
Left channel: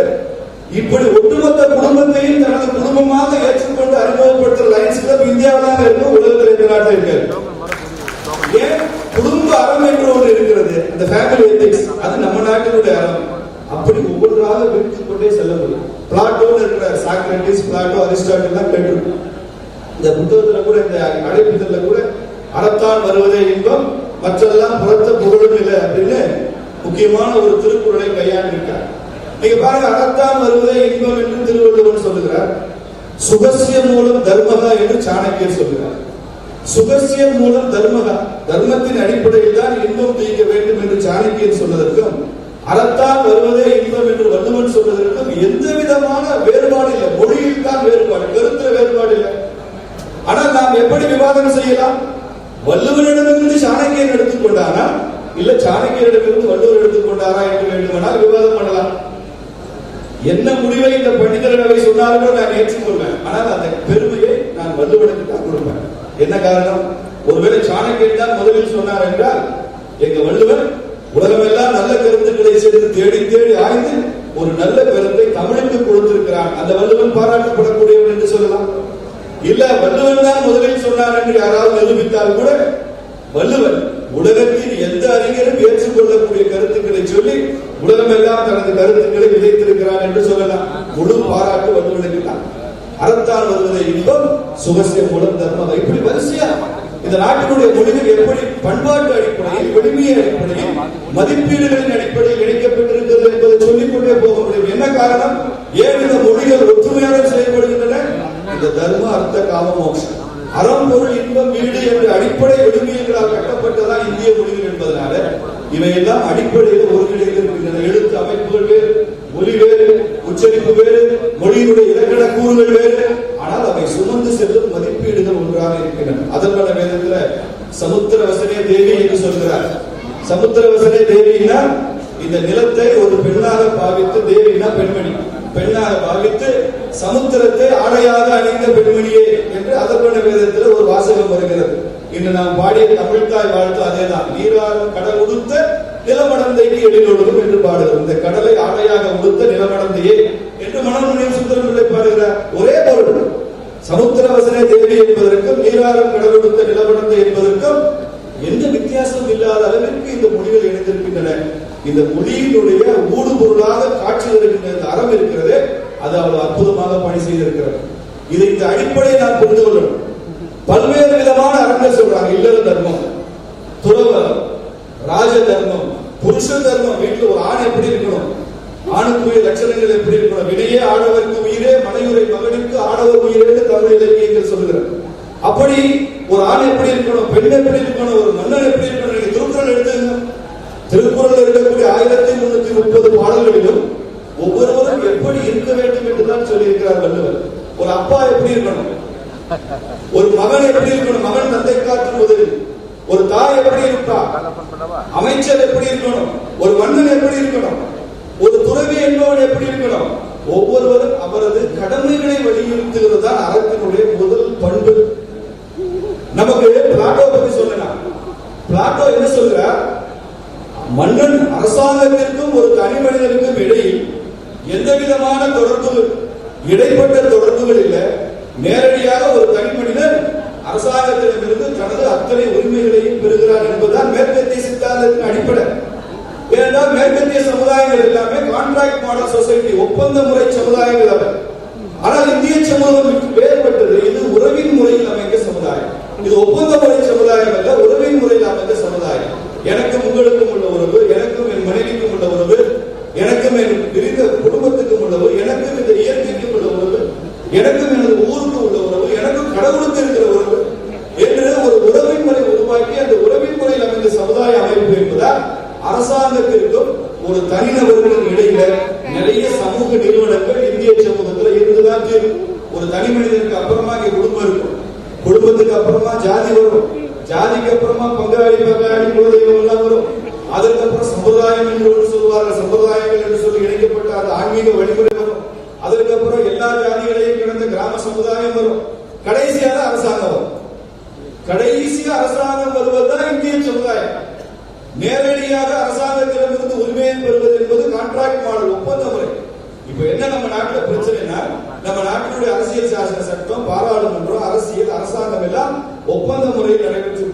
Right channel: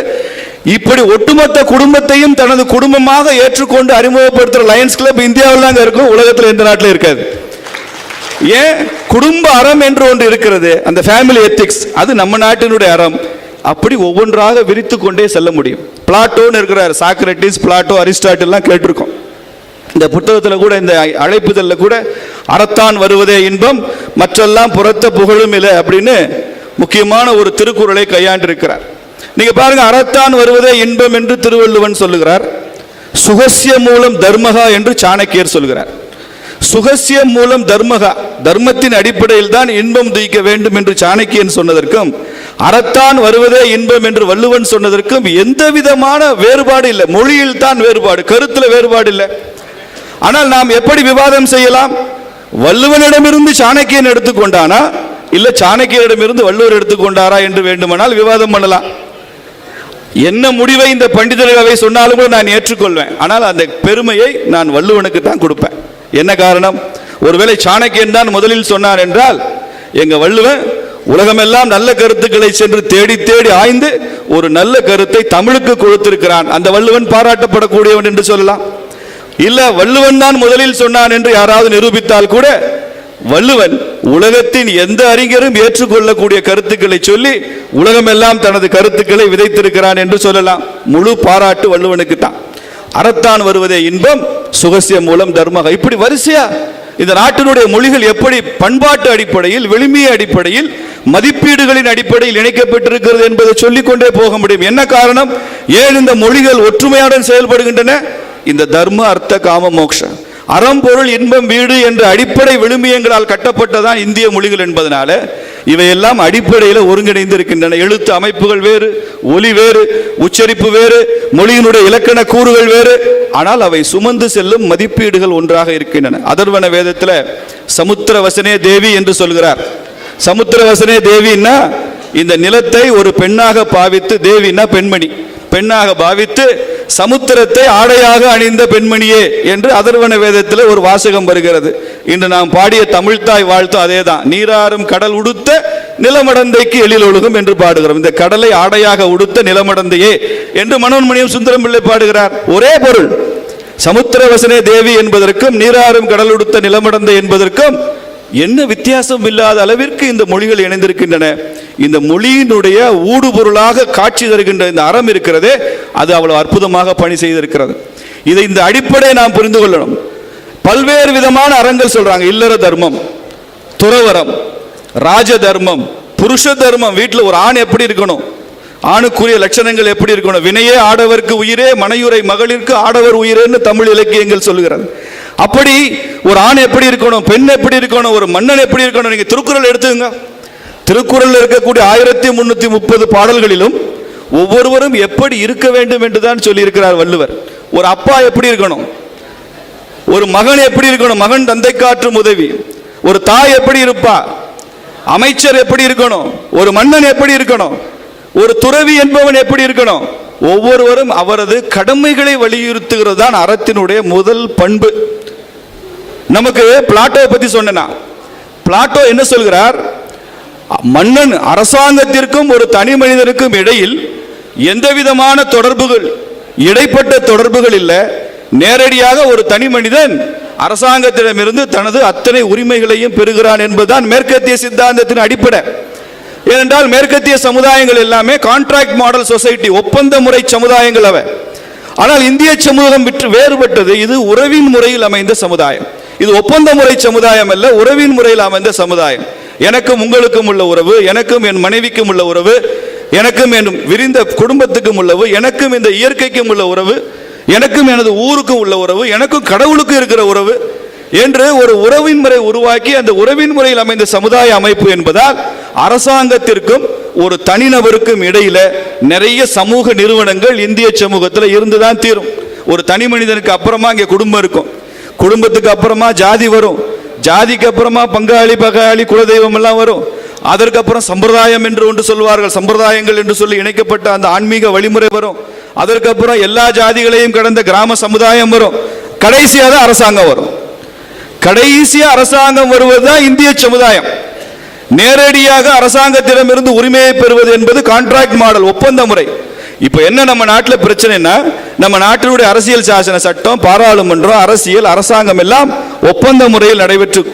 இப்படி ஒட்டுமொத்த குடும்பத்தையும் தனது குடும்பமாக ஏற்றுக்கொண்டு அறிமுகப்படுத்துற லயன்ஸ் கிளப் இந்தியாவில் தாங்க இருக்கும், உலகத்தில் எந்த நாட்டில் இருக்காது. ஏன்? குடும்ப அறம் என்று ஒன்று இருக்கிறது, அந்த ஃபேமிலி எத்திக்ஸ், அது நம்ம நாட்டினுடைய அறம். அப்படி ஒவ்வொன்றாக விரித்து கொண்டே செல்ல முடியும். பிளாட்டோன்னு இருக்கிறார், சாக்ரட்டிஸ், பிளாட்டோ, அரிஸ்டாட்டில்லாம் கேட்டிருக்கோம். இந்த புத்தகத்தில் கூட, இந்த அழைப்புதல்ல கூட அறத்தான் வருவதே இன்பம் மற்றெல்லாம் புறத்த புகழும் இல்லை அப்படின்னு முக்கியமான ஒரு திருக்குறளை கையாண்டிருக்கிறார். நீங்க பாருங்க, அறத்தான் வருவதே இன்பம் என்று திருவள்ளுவன் சொல்லுகிறார். சுகசிய மூலம் தர்மகா என்று சாணக்கியர் சொல்கிறார். சுகசிய மூலம் தர்மகா, தர்மத்தின் அடிப்படையில் தான் இன்பம் துய்க்க வேண்டும் என்று சாணக்கியன் சொன்னதற்கும், அறத்தான் வருவதே இன்பம் என்று வள்ளுவன் சொன்னதற்கும் எந்த விதமான வேறுபாடு இல்லை. மொழியில் தான் வேறுபாடு, கருத்துல வேறுபாடு இல்லை. ஆனால் நாம் எப்படி விவாதம் செய்யலாம்? வள்ளுவனிடமிருந்து சாணக்கியன் எடுத்துக்கொண்டானா, இல்ல சாணக்கியனிடமிருந்து வள்ளுவர் எடுத்துக்கொண்டாரா என்று வேண்டுமானால் விவாதம் பண்ணலாம். என்ன முடிவை இந்த பண்டிதர்கள் அவை சொன்னாலும் கூட நான் ஏற்றுக்கொள்வேன். ஆனால் அந்த பெருமையை நான் வள்ளுவனுக்கு தான் கொடுப்பேன். என்ன காரணம்? ஒருவேளை சாணக்கியன் தான் முதலில் சொன்னார் என்றால், எங்க வள்ளுவன் உலகமெல்லாம் நல்ல கருத்துக்களை சென்று தேடி தேடி ஆய்ந்து ஒரு நல்ல கருத்தை தமிழுக்கு கொடுத்திருக்கிறான், அந்த வள்ளுவன் பாராட்டப்படக்கூடியவன் என்று சொல்லலாம். இல்ல வள்ளுவன் தான் முதலில் சொன்னான் என்று யாராவது நிரூபித்தால் கூட, வள்ளுவன் உலகத்தின் எந்த அறிஞரும் ஏற்றுக்கொள்ளக்கூடிய கருத்துக்களை சொல்லி உலகமெல்லாம் தனது கருத்துக்களை விதைத்திருக்கிறான் என்று சொல்லலாம். முழு பாராட்டு வள்ளுவனுக்கு தான். அறத்தான் வருவதே இன்பம், சுகசிய மூலம் தர்மக, இப்படி வரிசையா இந்த நாட்டினுடைய மொழிகள் எப்படி பண்பாட்டு அடிப்படையில், வெளிமைய அடிப்படையில், மதிப்பீடுகளின் அடிப்படையில் இணைக்கப்பட்டிருக்கிறது என்பதை சொல்லிக்கொண்டே போக முடியும். என்ன காரணம்? ஏன் இந்த மொழிகள் ஒற்றுமையுடன் செயல்படுகின்றன? இந்த தர்ம அர்த்த காம மோக்ஷ, அறம் பொருள் இன்பம் வீடு என்ற அடிப்படை விழுமியங்களால் கட்டப்பட்டதான் இந்திய மொழிகள் என்பதனால இவையெல்லாம் அடிப்படையில் ஒருங்கிணைந்து இருக்கின்றன. எழுத்து அமைப்புகள் வேறு, ஒலி வேறு, உச்சரிப்பு வேறு, மொழியினுடைய இலக்கண கூறுகள் வேறு, ஆனால் அவை சுமந்து செல்லும் மதிப்பீடுகள் ஒன்றாக இருக்கின்றன. அதர்வன வேதத்தில் சமுத்திரவசனே தேவி என்று சொல்கிறார். சமுத்திரவசனே தேவின்னா இந்த நிலத்தை ஒரு பெண்ணாக பாவித்து, தேவின்னா பெண்மணி, பெண்ணாக பாவித்து சமுத்திரத்தை ஆடையாக அணிந்த பெண்மணியே என்று அதர்வன வேதத்தில் ஒரு வாசகம் வருகிறது. இன்று நாம் பாடிய தமிழ்தாய் வாழ்த்தும் அதேதான். நீராறும் கடல் உடுத்த நிலமடந்தைக்கு எழில் ஒழுகும் என்று பாடுகிறோம். இந்த கடலை ஆடையாக உடுத்த நிலமடந்தையே என்று மனோன்மணியம் சுந்தரம் பிள்ளை பாடுகிறார். ஒரே பொருள். சமுத்திரவசனே தேவி என்பதற்கும் நீராறும் கடல் உடுத்த நிலமடந்தை என்பதற்கும் என்ன வித்தியாசம் இல்லாத அளவிற்கு இந்த மொழிகள் இணைந்திருக்கின்றன. இந்த மொழியினுடைய ஊடுபொருளாக காட்சி தருகின்ற இந்த அறம் இருக்கிறதே, அது அவ்வளவு அற்புதமாக பணி செய்திருக்கிறது. இதை இந்த அடிப்படையை நாம் புரிந்து கொள்ளணும். பல்வேறு விதமான அறங்கள் சொல்றாங்க. இல்லற தர்மம், துறவரம், ராஜ தர்மம், புருஷ தர்மம். வீட்டில் ஒரு ஆண் எப்படி இருக்கணும், ஆணுக்குரிய லட்சணங்கள் எப்படி இருக்கணும். வினையே ஆடவர்க்கு உயிரே, மனையுரை மகளிருக்கு ஆடவர் உயிரேன்னு தமிழ் இலக்கியங்கள் சொல்கிறது. அப்படி ஒரு ஆண் எப்படி இருக்கணும், பெண் எப்படி இருக்கணும், ஒரு மன்னன் எப்படி இருக்கணும். நீங்க திருக்குறள் எடுத்துங்க. திருக்குறள் இருக்கக்கூடிய 1330 பாடல்களிலும் ஒவ்வொருவரும் எப்படி இருக்க வேண்டும் என்றுதான் சொல்லி இருக்கிறார் வள்ளுவர். ஒரு அப்பா எப்படி இருக்கணும், ஒரு மகன் எப்படி இருக்கணும், மகன் தந்தை காற்றும் உதவி. ஒரு தாய் எப்படி இருப்பா, அமைச்சர் எப்படி இருக்கணும், ஒரு மன்னன் எப்படி இருக்கணும், ஒரு துறவி என்பவன் எப்படி இருக்கணும். ஒவ்வொருவரும் அவரது கடமைகளை வலியுறுத்துகிறது தான் அறத்தினுடைய முதல் பண்பு. நமக்கு பிளாட்டோ பத்தி சொன்னா, பிளாட்டோ என்ன சொல்கிறார், மன்னன் அரசாங்கத்திற்கும் ஒரு தனி மனிதருக்கும் இடையில் எந்த விதமான தொடர்புகள், இடைப்பட்ட தொடர்புகள் இல்லை. நேரடியாக ஒரு தனி மனிதன் அரசாங்கத்திடமிருந்து தனது அத்தனை உரிமைகளையும் பெறுகிறான் என்பதுதான் மேற்கத்திய சித்தாந்தத்தின் அடிப்படை. ஏனென்றால் மேற்கத்திய சமுதாயங்கள் எல்லாமே கான்ட்ராக்ட் மாடல் சொசைட்டி, ஒப்பந்த முறை சமுதாயங்கள் அவை. ஆனால் இந்திய சமூகம் விட்டு வேறுபட்டது. இது உறவின் முறையில் அமைந்த சமுதாயம். இது ஒப்பந்த முறை சமுதாயம் அல்ல, உறவின் முறையில் அமைந்த சமுதாயம். எனக்கும் உங்களுக்கும் உள்ள உறவு, எனக்கும் என் மனைவிக்கும் உள்ள உறவு, எனக்கும் என் விரிந்த குடும்பத்துக்கும் உள்ளவு, எனக்கும் இந்த இயற்கைக்கும் உள்ள உறவு, எனக்கும் எனது ஊருக்கும் உள்ள உறவு, எனக்கும் கடவுளுக்கும் இருக்கிற உறவு என்று ஒரு உறவின் முறை உருவாக்கி அந்த உறவின் முறையில் அமைந்த சமுதாய அமைப்பு என்பதால் அரசாங்கத்திற்கும் ஒரு தனிநபருக்கும் இடையில நிறைய சமூக நிறுவனங்கள் இந்திய சமூகத்தில் இருந்துதான் தீரும். ஒரு தனி மனிதனுக்கு அப்புறமா இங்க குடும்பம் இருக்கும், குடும்பத்துக்கு அப்புறமா ஜாதி வரும், ஜாதிக்கு அப்புறமா பங்காளி பகாளி குலதெய்வம் எல்லாம் வரும். அதற்கப்புறம் சம்பிரதாயம் என்று ஒன்று சொல்வார்கள், சம்பிரதாயங்கள் என்று சொல்லி இணைக்கப்பட்ட அந்த ஆன்மீக வழிமுறை வரும். அதற்கப்புறம் எல்லா ஜாதிகளையும் கடந்த கிராம சமுதாயம் வரும். கடைசியாக அரசாங்கம் வரும். கடைசியா அரசாங்கம் வருவதுதான் இந்திய சமுதாயம். நேரடியாக அரசாங்கத்திடமிருந்து உரிமையை பெறுவது என்பது கான்ட்ராக்ட் மாடல், ஒப்பந்த முறை. இப்ப என்ன நம்ம நாட்டில் பிரச்சனைனா, நம்ம நாட்டினுடைய அரசியல் சாசன சட்டம், பாராளுமன்றம், அரசியல், அரசாங்கம் எல்லாம் ஒப்பந்த முறையில் நடைபெற்று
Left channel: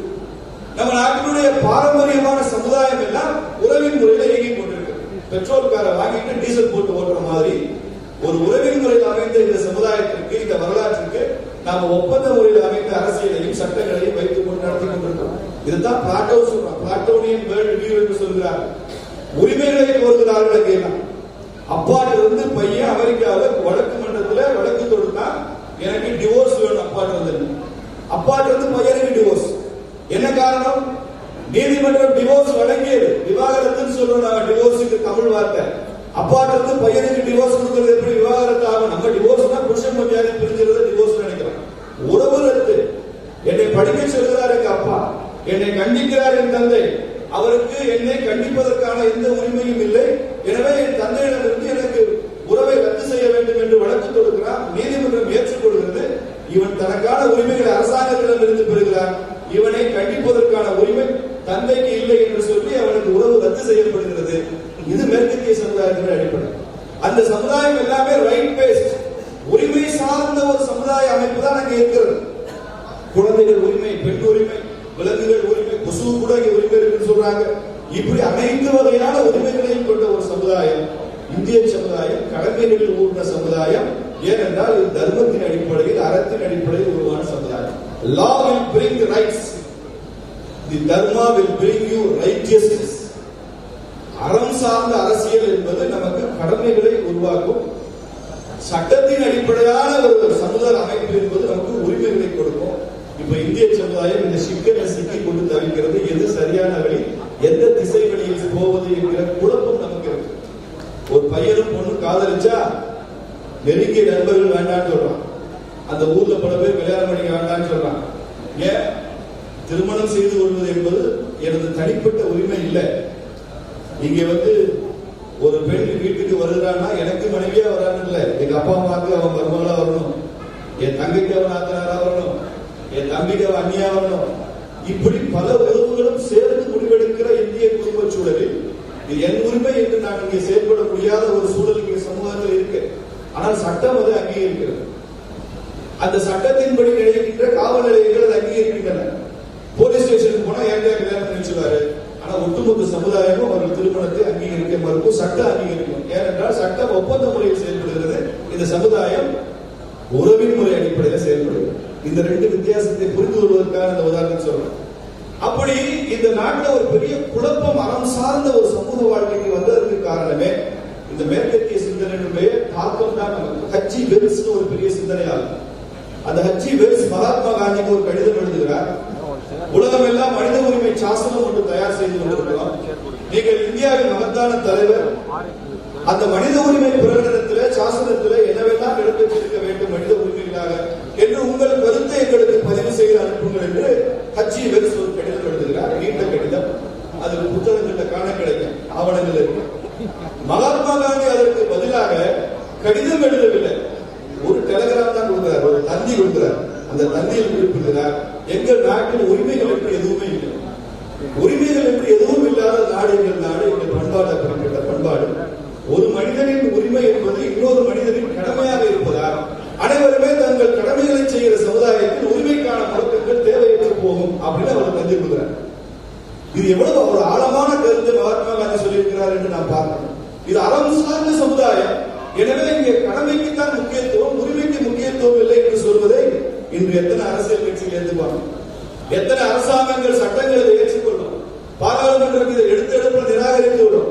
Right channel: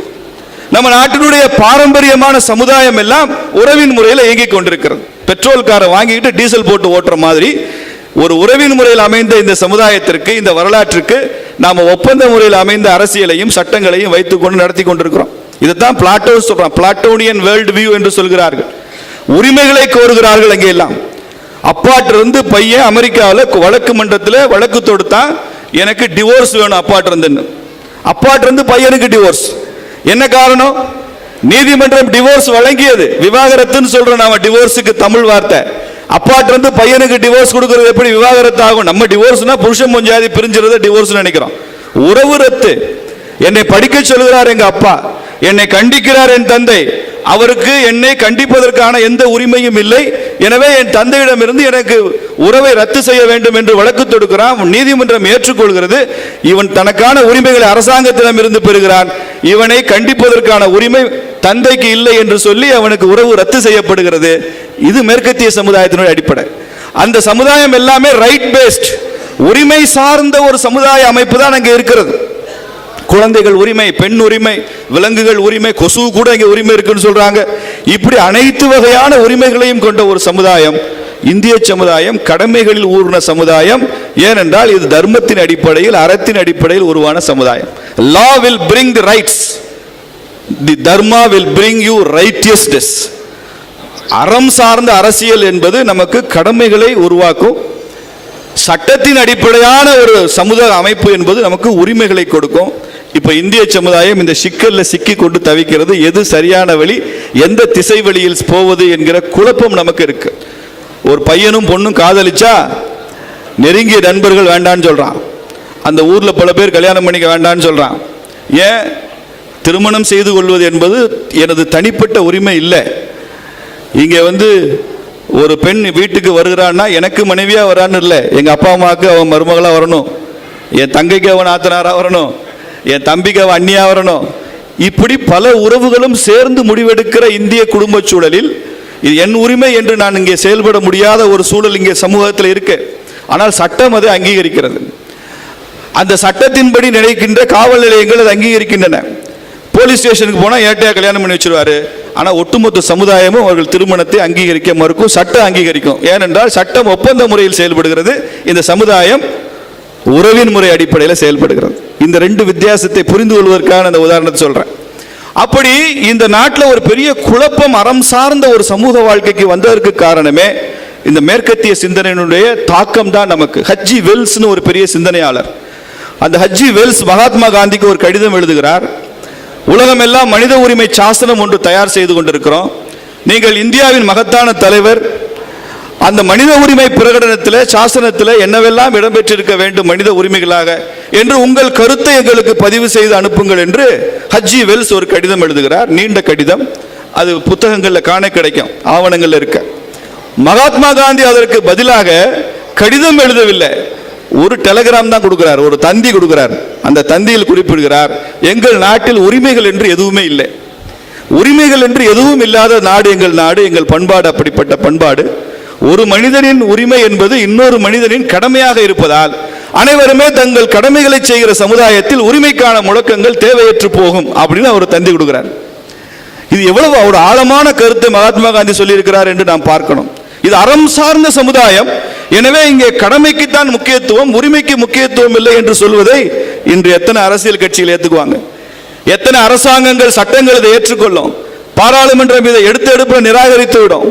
நம்ம நாட்டினுடைய பாரம்பரியமான சமுதாயம் எல்லாம் உறவின் முறையில் இயங்கிக் கொண்டிருக்கிறது. பெட்ரோல் காரை வாங்கிட்டு டீசல் போட்டு ஓட்டுற மாதிரி ஒரு உறவின் முறையில் அமைந்த இந்த சமுதாயத்திற்கு, இந்த வரலாற்றுக்கு நாம ஒப்பந்த முறையில் அமைந்த அரசியலையும் சட்டங்களையும் வைத்துக் கொண்டு நடத்தி கொண்டிருக்கிறோம். இதுதான் பிளாட்டோ சொல்றான், பிளாட்டோனியன் வேர்ல்ட் வியூ என்று சொல்கிறார்கள். உரிமைகளை கோருகிறார்கள். அங்கே எல்லாம் அப்பாட்டிருந்து பையன் அமெரிக்காவில் வழக்கு மன்றத்தில் வழக்கு தொடுத்தான், எனக்கு டிவோர்ஸ் வேணும் அப்பாட்டிருந்து. அப்பாட்டிருந்து பையனுக்கு டிவோர்ஸ். என்ன காரணம்? நீதிமன்றம் டிவோர்ஸ் வழங்கியது. விவாகரத்துன்னு சொல்றோம் நாம, டிவோர்ஸுக்கு தமிழ் வார்த்தை. அப்பாட்டிருந்து பையனுக்கு டிவோர்ஸ் கொடுக்கிறது எப்படி விவாகரத்து ஆகும்? நம்ம டிவோர்ஸ்னா புருஷன் பொஞ்சாதி பிரிஞ்சிருந்த டிவோர்ஸ் நினைக்கிறோம். உறவு ரத்து. என்னை படிக்க சொல்கிறார் எங்க அப்பா, என்னை கண்டிக்கிறார் என் தந்தை, அவருக்கு என்னை கண்டிப்பதற்கான எந்த உரிமையும் இல்லை, எனவே என் தந்தையிடமிருந்து எனக்கு உறவை ரத்து செய்ய வேண்டும் என்று வழக்கு தொடுக்கிறான். நீதிமன்றம் ஏற்றுக்கொள்கிறது. இவன் தனக்கான உரிமைகளை அரசாங்கத்திடம் இருந்து பெறுகிறான். இவனை கண்டிப்பதற்கான உரிமை தந்தைக்கு இல்லை என்று சொல்லி அவனுக்கு உறவு ரத்து செய்யப்படுகிறது. இது மேற்கத்திய சமுதாயத்தினுடைய அடிப்படை. அந்த சமுதாயம் எல்லாமே ரைட் பேஸ்ட், உரிமை சார்ந்த ஒரு சமுதாய அமைப்பு தான் அங்கே இருக்கிறது. குழந்தைகள் உரிமை, பெண் உரிமை, விலங்குகள் உரிமை, கொசு கூட இங்க உரிமை இருக்குன்னு சொல்றாங்க. இப்படி அனைத்து வகையான உரிமைகளையும் கொண்ட ஒரு சமுதாயம் இந்திய சமுதாயம், கடமைகளில் ஊர்ன சமுதாயம். ஏனென்றால் இது தர்மத்தின் அடிப்படையில், அறத்தின் அடிப்படையில் உருவான சமுதாயம். Law will bring the rights, the dharma will bring you righteousness. அறம் சார்ந்த அரசியல் என்பது நமக்கு கடமைகளை உருவாக்கும். சட்டத்தின் அடிப்படையான ஒரு சமுதாய அமைப்பு என்பது நமக்கு உரிமைகளை கொடுக்கும். இப்ப இந்திய சமுதாயம் இந்த சிக்கல்ல சிக்கி கொண்டு தவிக்கிறது. எது சரியான வழி, எந்த திசை வழியில் போவது என்கிற குழப்பம் நமக்கு இருக்கு. ஒரு பையனும் பொண்ணும் காதலிச்சா நெருங்கிய நண்பர்கள் வேண்டான்னு சொல்றான். அந்த ஊர்ல பல பேர் கல்யாணம் பண்ணிக்க வேண்டான்னு சொல்றான். ஏன்? திருமணம் செய்து கொள்வது என்பது எனது தனிப்பட்ட உரிமை இல்லை. இங்க ஒரு பெண் வீட்டுக்கு வருகிறான்னா எனக்கு மனைவியா வரான்னு இல்லை, எங்க அப்பா அம்மாவுக்கு அவன் மருமகளா வரணும், என் தங்கைக்கு அவன் ஆத்தனாரா வரணும், என் தம்பிக்கு அவன் அண்ணியா வரணும். இப்படி பல உறவுகளும் சேர்ந்து முடிவெடுக்கிற இந்திய குடும்ப சூழலில் இது என் உரிமை என்று நான் இங்கே செயல்பட முடியாத ஒரு சூழல் இங்கே சமூகத்தில் இருக்கு. ஆனால் சட்டம் அதை அங்கீகரிக்கிறது. அந்த சட்டத்தின்படி நினைக்கின்ற காவல் நிலையங்கள் அதை அங்கீகரிக்கின்றன. போலீஸ் ஸ்டேஷனுக்கு போனால் ஏட்டையா கல்யாணம் பண்ணி வச்சிருவாரு. ஆனால் ஒட்டுமொத்த சமுதாயமும் அவர்கள் திருமணத்தை அங்கீகரிக்க மறுக்கும், சட்டம் அங்கீகரிக்கும். ஏனென்றால் சட்டம் ஒப்பந்த முறையில் செயல்படுகிறது, இந்த சமுதாயம் உறவின் முறை அடிப்படையில் செயல்படுகிறது. இந்த ரெண்டு வித்தியாசத்தை புரிந்து கொள்வதற்கான அந்த உதாரணத்தை சொல்றேன். அப்படி இந்த நாட்டில் ஒரு பெரிய குழப்பம், அறம் சார்ந்த ஒரு சமூக வாழ்க்கைக்கு வந்ததற்கு காரணமே இந்த மேற்கத்திய சிந்தனையினுடைய தாக்கம் தான் நமக்கு. ஹஜ்ஜி வெல்ஸ்னு ஒரு பெரிய சிந்தனையாளர், அந்த ஹஜ்ஜி வெல்ஸ் மகாத்மா காந்திக்கு ஒரு கடிதம் எழுதுகிறார். உலகம் எல்லாம் மனித உரிமை சாசனம் ஒன்று தயார் செய்து கொண்டிருக்கிறோம். நீங்கள் இந்தியாவின் மகத்தான தலைவர், அந்த மனித உரிமை பிரகடனத்தில் சாசனத்தில் என்னவெல்லாம் இடம்பெற்றிருக்க வேண்டும் மனித உரிமைகளாக என்று உங்கள் கருத்தை எங்களுக்கு பதிவு செய்து அனுப்புங்கள் என்று ஹஜ்ஜி வெல்ஸ் ஒரு கடிதம் எழுதுகிறார். நீண்ட கடிதம், அது புத்தகங்களில் காண கிடைக்கும், ஆவணங்கள் இருக்க. மகாத்மா காந்தி அதற்கு பதிலாக கடிதம் எழுதவில்லை, ஒரு டெலிகிராம் தான் கொடுக்கிறார், ஒரு தந்தி கொடுக்கிறார். அந்த தந்தியில் குறிப்பிடுகிறார், எங்கள் நாட்டில் உரிமைகள் என்று எதுவுமே இல்லை, உரிமைகள் என்று எதுவும் இல்லாத நாடு எங்கள் நாடு, எங்கள் பண்பாடு அப்படிப்பட்ட பண்பாடு. ஒரு மனிதனின் உரிமை என்பது இன்னொரு மனிதனின் கடமையாக இருப்பதால் அனைவருமே தங்கள் கடமைகளை செய்கிற சமுதாயத்தில் உரிமைக்கான முழக்கங்கள் தேவையற்று போகும் அப்படின்னு அவர் தந்தி கொடுக்கிறார். இது எவ்வளவு ஒரு ஆழமான கருத்தை மகாத்மா காந்தி சொல்லியிருக்கிறார் என்று நாம் பார்க்கணும். இது அறம் சார்ந்த சமுதாயம், எனவே இங்கே கடமைக்குத்தான் முக்கியத்துவம், உரிமைக்கு முக்கியத்துவம் இல்லை என்று சொல்வதை இன்று எத்தனை அரசியல் கட்சிகள் ஏற்றுக்குவாங்க? எத்தனை அரசாங்கங்கள் சட்டங்கள் இதை ஏற்றுக்கொள்ளும்? பாராளுமன்றம் இதை எடுத்து நிராகரித்து விடும்.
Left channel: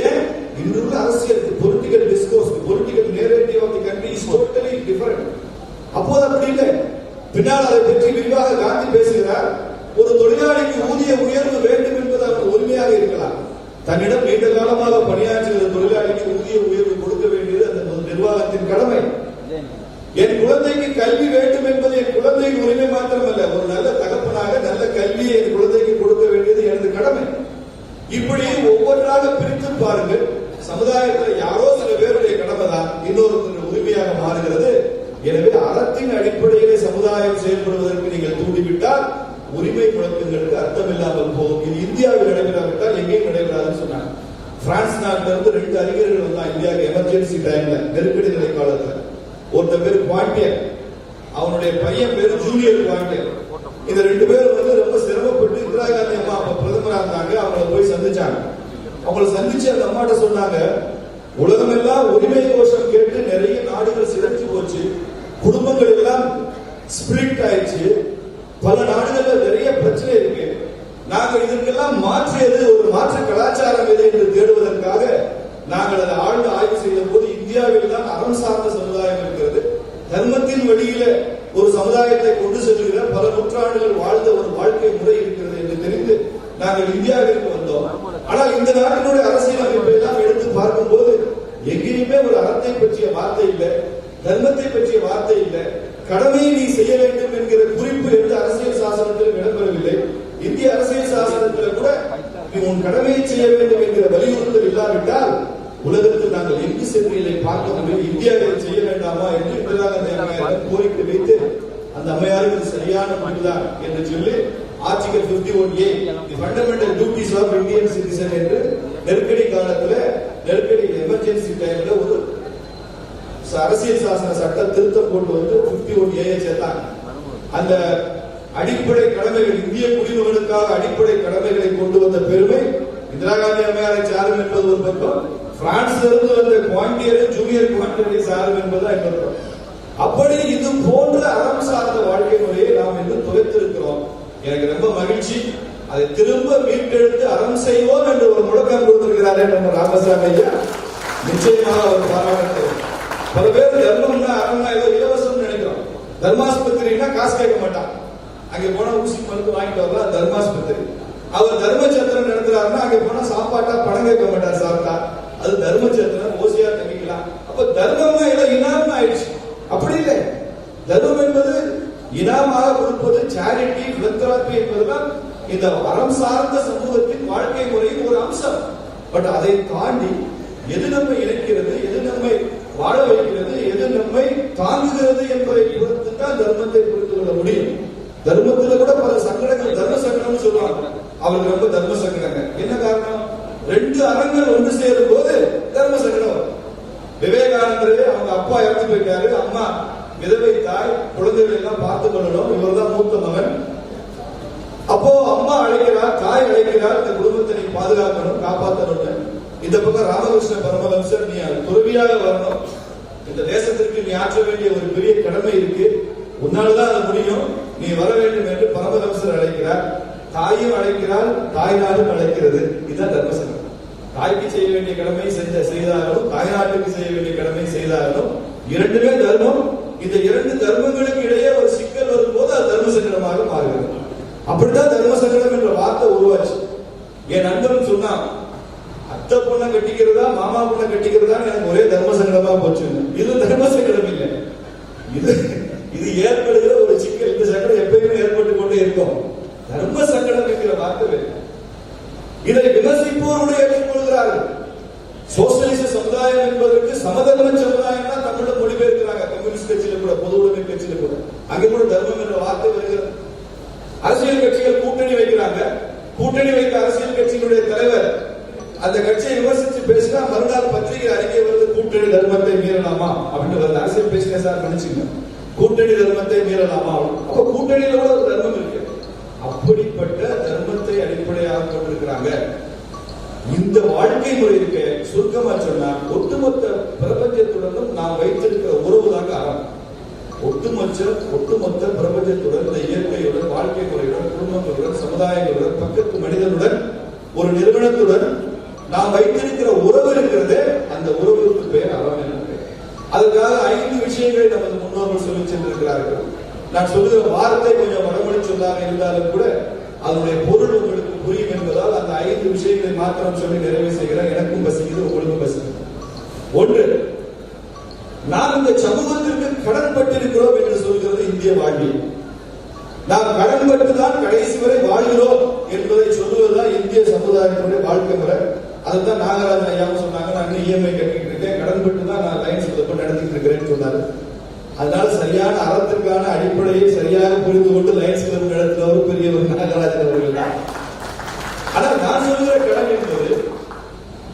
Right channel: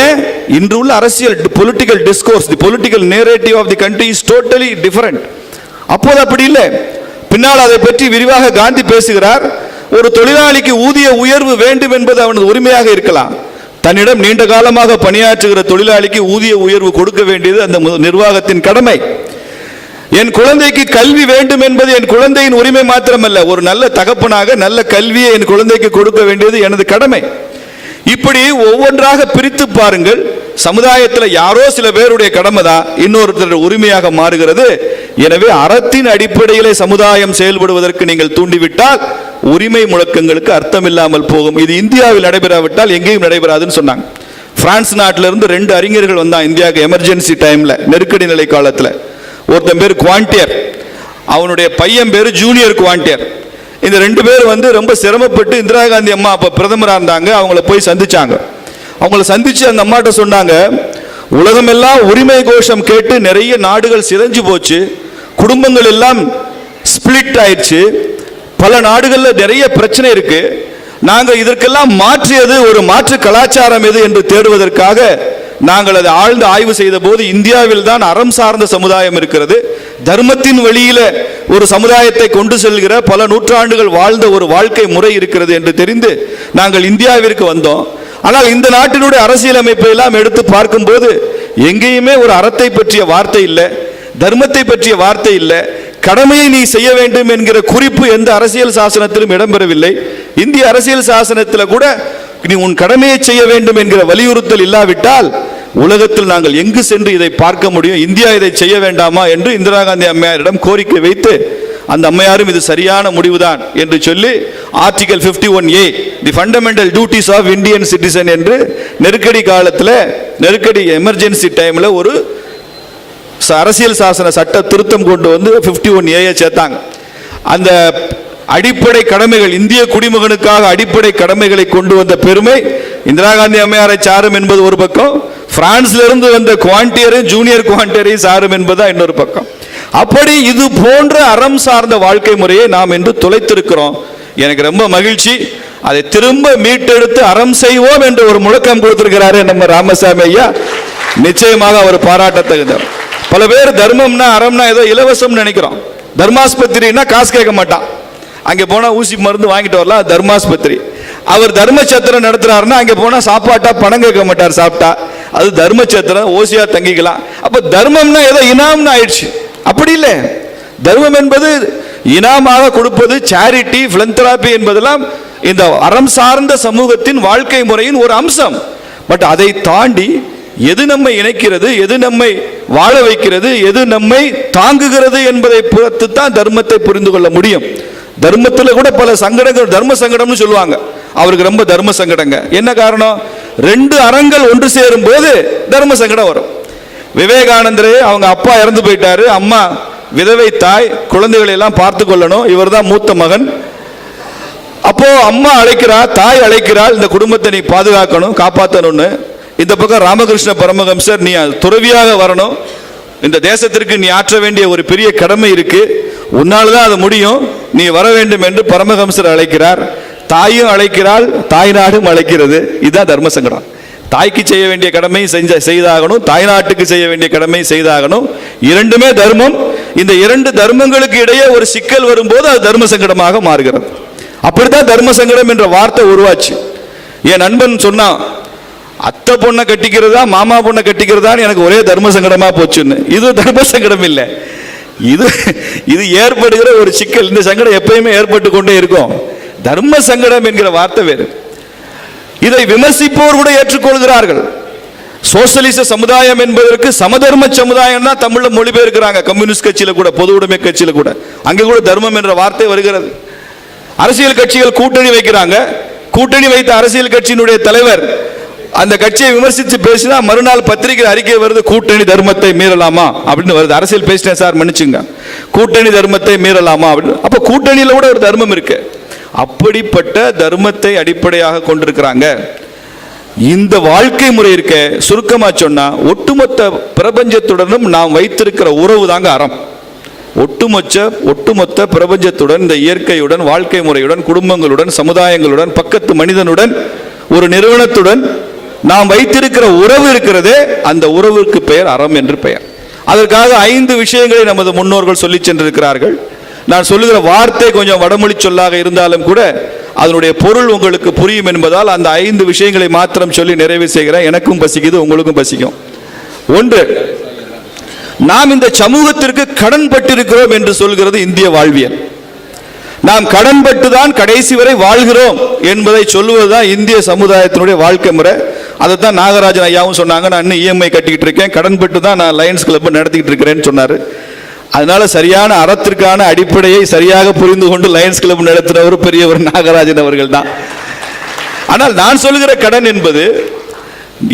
ஏன்? இன்று உள்ள அரசியல் political discourse, the political narrative of the country is totally different. அப்போது அப்படி இல்லை. பின்னால் அதை பற்றி விரிவாக காந்தி பேசுகிறார். ஒரு தொழிலாளிக்கு ஊதிய உயர்வு வேண்டும் என்பது அவனது உரிமையாக இருக்கலாம். தன்னிடம் நீண்ட காலமாக பணியாற்றுகிற தொழிலாளிக்கு ஊதிய உயர்வு கொடுக்க வேண்டியது அந்த நிர்வாகத்தின் கடமை. என் குழந்தைக்கு கல்வி வேண்டும் என்பது என் குழந்தையின் உரிமை மாத்திரமல்ல, ஒரு நல்ல தகப்பனாக நல்ல கல்வியை என் குழந்தைக்கு கொடுக்க வேண்டியது எனது கடமை. இப்படி ஒவ்வொன்றாக பிரித்து பாருங்கள். சமுதாயத்தில் யாரோ சில பேருடைய கடமை தான் இன்னொருத்தர் உரிமையாக மாறுகிறது. எனவே அறத்தின் அடிப்படையிலே சமுதாயம் செயல்படுவதற்கு நீங்கள் தூண்டிவிட்டால் உரிமை முழக்கங்களுக்கு அர்த்தம் இல்லாமல் போகும். இது இந்தியாவில் நடைபெறாவிட்டால் எங்கேயும் நடைபெறாதுன்னு சொன்னாங்க. பிரான்ஸ் நாட்டிலிருந்து 2 அறிஞர்கள் வந்தான் இந்தியாவுக்கு எமர்ஜென்சி டைம்ல, நெருக்கடி நிலை காலத்தில். ஒருத்தன் பேர் குவாண்டியர், அவனுடைய பையன் பேர் ஜூனியர் குவாண்டியர். இந்த 2 பேர் ரொம்ப சிரமப்பட்டு இந்திரா காந்தி அம்மா அப்ப பிரதமராக இருந்தாங்க, அவங்கள போய் சந்திச்சாங்க. அவங்கள சந்திச்சு அந்த அம்மாட்ட சொன்னாங்க, உலகம் எல்லாம் உரிமை கோஷம் கேட்டு நிறைய நாடுகள் சிதைஞ்சு போச்சு, குடும்பங்கள் எல்லாம் ஸ்பிளிட் ஆயிடுச்சு, பல நாடுகள்ல நிறைய பிரச்சனை இருக்கு. நாங்க இதற்கெல்லாம் மாற்றியது ஒரு மாற்று கலாச்சாரம் எது என்று தேடுவதற்காக நாங்கள் அதை ஆழ்ந்து ஆய்வு செய்த போது இந்தியாவில் தான் அறம் சார்ந்த சமுதாயம் இருக்கிறது, தர்மத்தின் வழியில ஒரு சமுதாயத்தை கொண்டு செல்கிற பல நூற்றாண்டுகள் வாழ்ந்த ஒரு வாழ்க்கை முறை இருக்கிறது என்று தெரிந்து நாங்கள் இந்தியாவிற்கு வந்தோம். ஆனால் இந்த நாட்டினுடைய அரசியலமைப்பை எல்லாம் எடுத்து பார்க்கும் போது எங்கேயுமே ஒரு அறத்தை பற்றிய வார்த்தை இல்லை, தர்மத்தை பற்றிய வார்த்தை இல்லை, கடமையை நீ செய்ய வேண்டும் என்கிற குறிப்பு எந்த அரசியல் சாசனத்திலும் இடம்பெறவில்லை. இந்திய அரசியல் சாசனத்தில் கூட நீ உன் கடமையை செய்ய வேண்டும் என்கிற வலியுறுத்தல் இல்லாவிட்டால் உலகத்தில் நாங்கள் எங்கு சென்று இதை பார்க்க முடியும்? இந்தியா இதை செய்ய வேண்டாமா என்று இந்திரா காந்தி அம்மையாரிடம் கோரிக்கை வைத்து அந்த அம்மையாரும் இது சரியான முடிவுதான் என்று சொல்லி article 51A the fundamental duties of Indian citizen என்று நெருக்கடி காலத்தில், நெருக்கடி எமர்ஜென்சி டைம்ல ஒரு அரசியல் சாசன சட்ட திருத்தம் கொண்டு வந்து 51A சேர்த்தாங்க. அந்த அடிப்படை கடமைகள், இந்திய குடிமகனுக்காக அடிப்படை கடமைகளை கொண்டு வந்த பெருமை இந்திரா காந்தி அம்மையாரை சாரும் என்பது ஒரு பக்கம், பிரான்ஸ்ல இருந்து வந்த குவாண்டியரும் ஜூனியர் குவாண்டியரையும் சாரும் என்பதா இன்னொரு பக்கம். அப்படி இது போன்ற அறம் சார்ந்த வாழ்க்கை முறையை நாம் என்று தொலைத்திருக்கிறோம். எனக்கு ரொம்ப மகிழ்ச்சி, அதை திரும்ப மீட்டெடுத்து அறம் செய்வோம் என்று ஒரு முழக்கம் கொடுத்திருக்கிறாரு நம்ம ராமசாமி ஐயா. நிச்சயமாக அவர் பாராட்டத்தகுந்தவர். பல பேர் தர்மம்னா அறம்னா ஏதோ இலவசம் நினைக்கிறோம். தர்மாஸ்பத்திரின்னா காசு கேட்க மாட்டான், அங்கே போனா ஊசி மருந்து வாங்கிட்டு வரலாம், தர்மாஸ்பத்திரி. அவர் தர்மச்சத்திரம் நடத்துறாருன்னா அங்கே போனா சாப்பாட்டா பணம் கேட்க மாட்டார், சாப்பிட்டா அது தர்மச்சத்திரம், ஓசியா தங்கிக்கலாம். அப்ப தர்மம்னா ஏதோ இனாம்னு ஆயிடுச்சு. அப்படி இல்லை. தர்மம் என்பது இனாமாக கொடுப்பது, சேரிட்டி, பிலந்தராபி என்பதெல்லாம் இந்த அறம் சார்ந்த சமூகத்தின் வாழ்க்கை முறையின் ஒரு அம்சம். பட் அதை தாண்டி எது நம்மை இணைக்கிறது, எது நம்மை வாழ வைக்கிறது, எது நம்மை தாங்குகிறது என்பதை பொறுத்து தான் தர்மத்தை புரிந்து கொள்ள முடியும். தர்மத்துல கூட பல சங்கடங்கள், தர்ம சங்கடம்னு சொல்லுவாங்க. அவருக்கு ரொம்ப தர்ம சங்கடங்க. என்ன காரணம்? ரெண்டு அறங்கள் ஒன்று சேரும் போது தர்ம சங்கடம் வரும். விவேகானந்தரே அவங்க அப்பா இறந்து போயிட்டாரு, அம்மா விதவை தாய், குழந்தைகளை எல்லாம் பார்த்து கொள்ளணும், இவர் தான் மூத்த மகன். அப்போ அம்மா அழைக்கிறார், தாய் அழைக்கிறாள், இந்த குடும்பத்தை நீ பாதுகாக்கணும், காப்பாற்றணும்னு. இந்த பக்கம் ராமகிருஷ்ண பரமஹம்சர், நீ துறவியாக வரணும், இந்த தேசத்திற்கு நீ ஆற்ற வேண்டிய ஒரு பெரிய கடமை இருக்கு, உன்னால்தான் அது முடியும், நீ வர வேண்டும் என்று பரமஹம்சர் அழைக்கிறார். தாயும் அழைக்கிறாள், தாய் நாடும் அழைக்கிறது. இதுதான் தர்ம சங்கடம். தாய்க்கு செய்ய வேண்டிய கடமை செய்தாகணும், தாய் நாட்டுக்கு செய்ய வேண்டிய கடமை செய்தாகணும். இரண்டுமே தர்மம். இந்த இரண்டு தர்மங்களுக்கு இடையே ஒரு சிக்கல் வரும்போது அது தர்ம சங்கடமாக மாறுகிறது. அப்படித்தான் தர்ம சங்கடம் என்ற வார்த்தை உருவாச்சு. என் நண்பன் சொன்னான், அத்தை பொண்ணை கட்டிக்கிறதா மாமா பொண்ணை கட்டிக்கிறதான்னு எனக்கு ஒரே தர்ம சங்கடமா போச்சுன்னு. இது தர்ம சங்கடம் இல்லை, இது ஏற்படுகிற ஒரு சிக்கல். இந்த சங்கடம் எப்பயுமே ஏற்பட்டு கொண்டே இருக்கும். தர்ம சங்கடம் என்கிற வார்த்தை வேறு. இதை விமர்சிப்போர் கூட ஏற்றுக்கொள்கிறார்கள். சோசியலிச சமுதாயம் என்பதற்கு சமதர்ம சமுதாயம் தான் தமிழ்ல மொழிபெயர்க்கிறாங்க. கம்யூனிஸ்ட் கட்சியில கூட, பொது உடைமை கட்சியில கூட, அங்கே கூட தர்மம் என்ற வார்த்தை வருகிறது. அரசியல் கட்சிகள் கூட்டணி வைக்கிறாங்க. கூட்டணி வைத்த அரசியல் கட்சியினுடைய தலைவர் அந்த கட்சியை விமர்சித்து பேசினா மறுநாள் பத்திரிகை அறிக்கை வருது, கூட்டணி தர்மத்தை மீறலாமா அப்படின்னு வருது. அரசியல் பேசிட்டேன் சார், மன்னிச்சுங்க, கூட்டணி தர்மத்தை மீறலாமா அப்படின்னு. அப்ப கூட்டணியில கூட ஒரு தர்மம் இருக்கு. அப்படிப்பட்ட தர்மத்தை அடிப்படையாக கொண்டிருக்கிறாங்க. இந்த வாழ்க்கை முறை இருக்க, சுருக்கமா சொன்னா, ஒட்டுமொத்த பிரபஞ்சத்துடனும் நாம் வைத்திருக்கிற உறவு தாங்க அறம். ஒட்டுமொத்த பிரபஞ்சத்துடன், இந்த இயற்கையுடன், வாழ்க்கை முறையுடன், குடும்பங்களுடன், சமுதாயங்களுடன், பக்கத்து மனிதனுடன், ஒரு நிறுவனத்துடன் நாம் வைத்திருக்கிற உறவு இருக்கிறதே, அந்த உறவுக்கு பெயர் அறம் என்று பெயர். அதற்காக 5 விஷயங்களை நமது முன்னோர்கள் சொல்லி சென்றிருக்கிறார்கள். நான் சொல்லுகிற வார்த்தை கொஞ்சம் வடமொழி சொல்லாக இருந்தாலும் கூட அதனுடைய பொருள் உங்களுக்கு புரியும் என்பதால் அந்த 5 விஷயங்களை மாத்திரம் சொல்லி நிறைவு செய்கிறேன். எனக்கும் பசிக்குது, உங்களுக்கும் பசிக்கும். 1, நாம் இந்த சமூகத்திற்கு கடன் பட்டிருக்கிறோம் என்று சொல்கிறது இந்திய வாழ்வியல். நாம் கடன் பட்டுதான் கடைசி வரை வாழ்கிறோம் என்பதை சொல்லுவதுதான் இந்திய சமுதாயத்தினுடைய வாழ்க்கை முறை. அதைத்தான் நாகராஜன் ஐயாவும் சொன்னாங்க. நான் இன்னும் இஎம்ஐ கட்டிக்கிட்டு இருக்கேன், கடன் பட்டு தான் நான் லயன்ஸ் கிளப் நடத்திக்கிட்டு இருக்கிறேன்னு சொன்னாரு. அதனால சரியான அறத்திற்கான அடிப்படையை சரியாக புரிந்து கொண்டு லயன்ஸ் கிளப் நடத்துகிறவர் பெரியவர் நாகராஜன் அவர்கள் தான். ஆனால் நான் சொல்லுகிற கடன் என்பது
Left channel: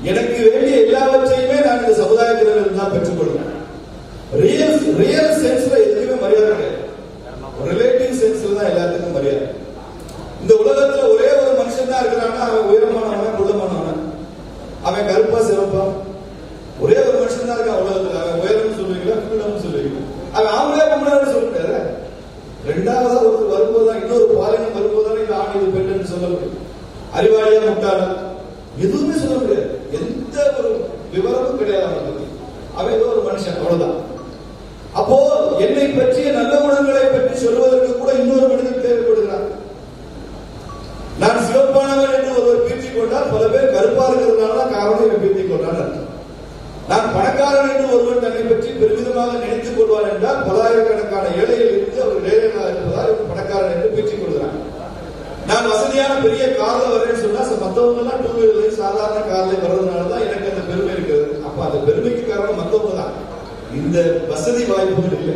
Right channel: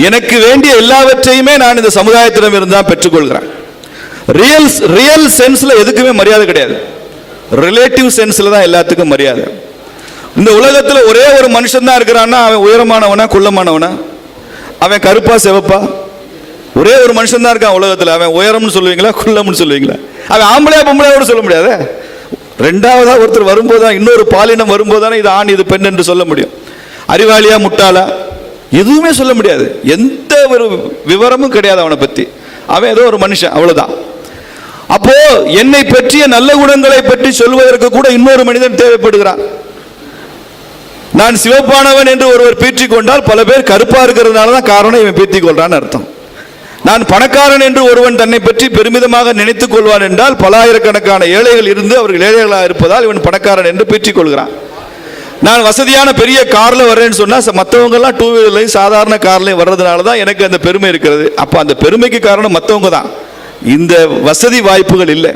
எனக்கு வேண்டிய எல்லாவற்றையுமே நான் இந்த சமுதாயத்திடம் இருந்தால் பெற்றுக்கொள்கிறேன். ரியல் சென்ஸ்ல எதுக்குமே மரியாதை கிடையாது, ரிலேட்டிவ் சென்ஸ்ல தான் எல்லாத்துக்கும் மரியாதை. இந்த உலகத்தில் ஒரே ஒரு மனுஷன் தான் இருக்கிறான்னா, அவன் உயரமானவனா குள்ளமானவனா, அவன் கருப்பா சிவப்பா, ஒரே ஒரு மனுஷன் தான் இருக்கான் உலகத்தில். அவன் உயரம்னு சொல்லுவீங்களா குள்ளம்னு சொல்லுவீங்களா? அவன் ஆம்பளையா பொம்பளையா கூட சொல்ல முடியாது. ரெண்டாவதா ஒருத்தர் வரும்போதுதான், இன்னொரு பாலினம் வரும்போதுதானே இது ஆண் இது பெண் என்று சொல்ல முடியும். அறிவாளியா முட்டாளா எதுவுமே சொல்ல முடியாது. எந்த ஒரு விவரமும் கிடையாது அவனை பத்தி. அவன் ஏதோ ஒரு மனுஷன், அவ்வளவுதான். அப்போ என்னை பற்றிய நல்ல குணங்களை பற்றி சொல்வதற்கு கூட இன்னொரு மனிதன் தேவைப்படுகிறான். நான் சிவப்பானவன் என்று ஒருவர் பீற்றிக் கொண்டால் பல பேர் கருப்பா இருக்கிறதுனால தான் காரணம் இவன் பீற்றிக் கொள்றான்னு அர்த்தம். நான் பணக்காரன் என்று ஒருவன் தன்னை பற்றி பெருமிதமாக நினைத்துக் கொள்வான் என்றால் பலாயிரக்கணக்கான ஏழைகள் இருந்து அவர்கள் ஏழைகளாக இருப்பதால் இவன் பணக்காரன் என்று பீற்றிக் கொள்கிறான். நான் வசதியான பெரிய கார்ல வர்றேன்னு சொன்னா மற்றவங்க எல்லாம் 2 வீலர்லையும் சாதாரண கார்லையும் வர்றதுனால தான் எனக்கு அந்த பெருமை இருக்கிறது. அப்ப அந்த பெருமைக்கு காரணம் மற்றவங்க தான், இந்த வசதி வாய்ப்புகள் இல்லை.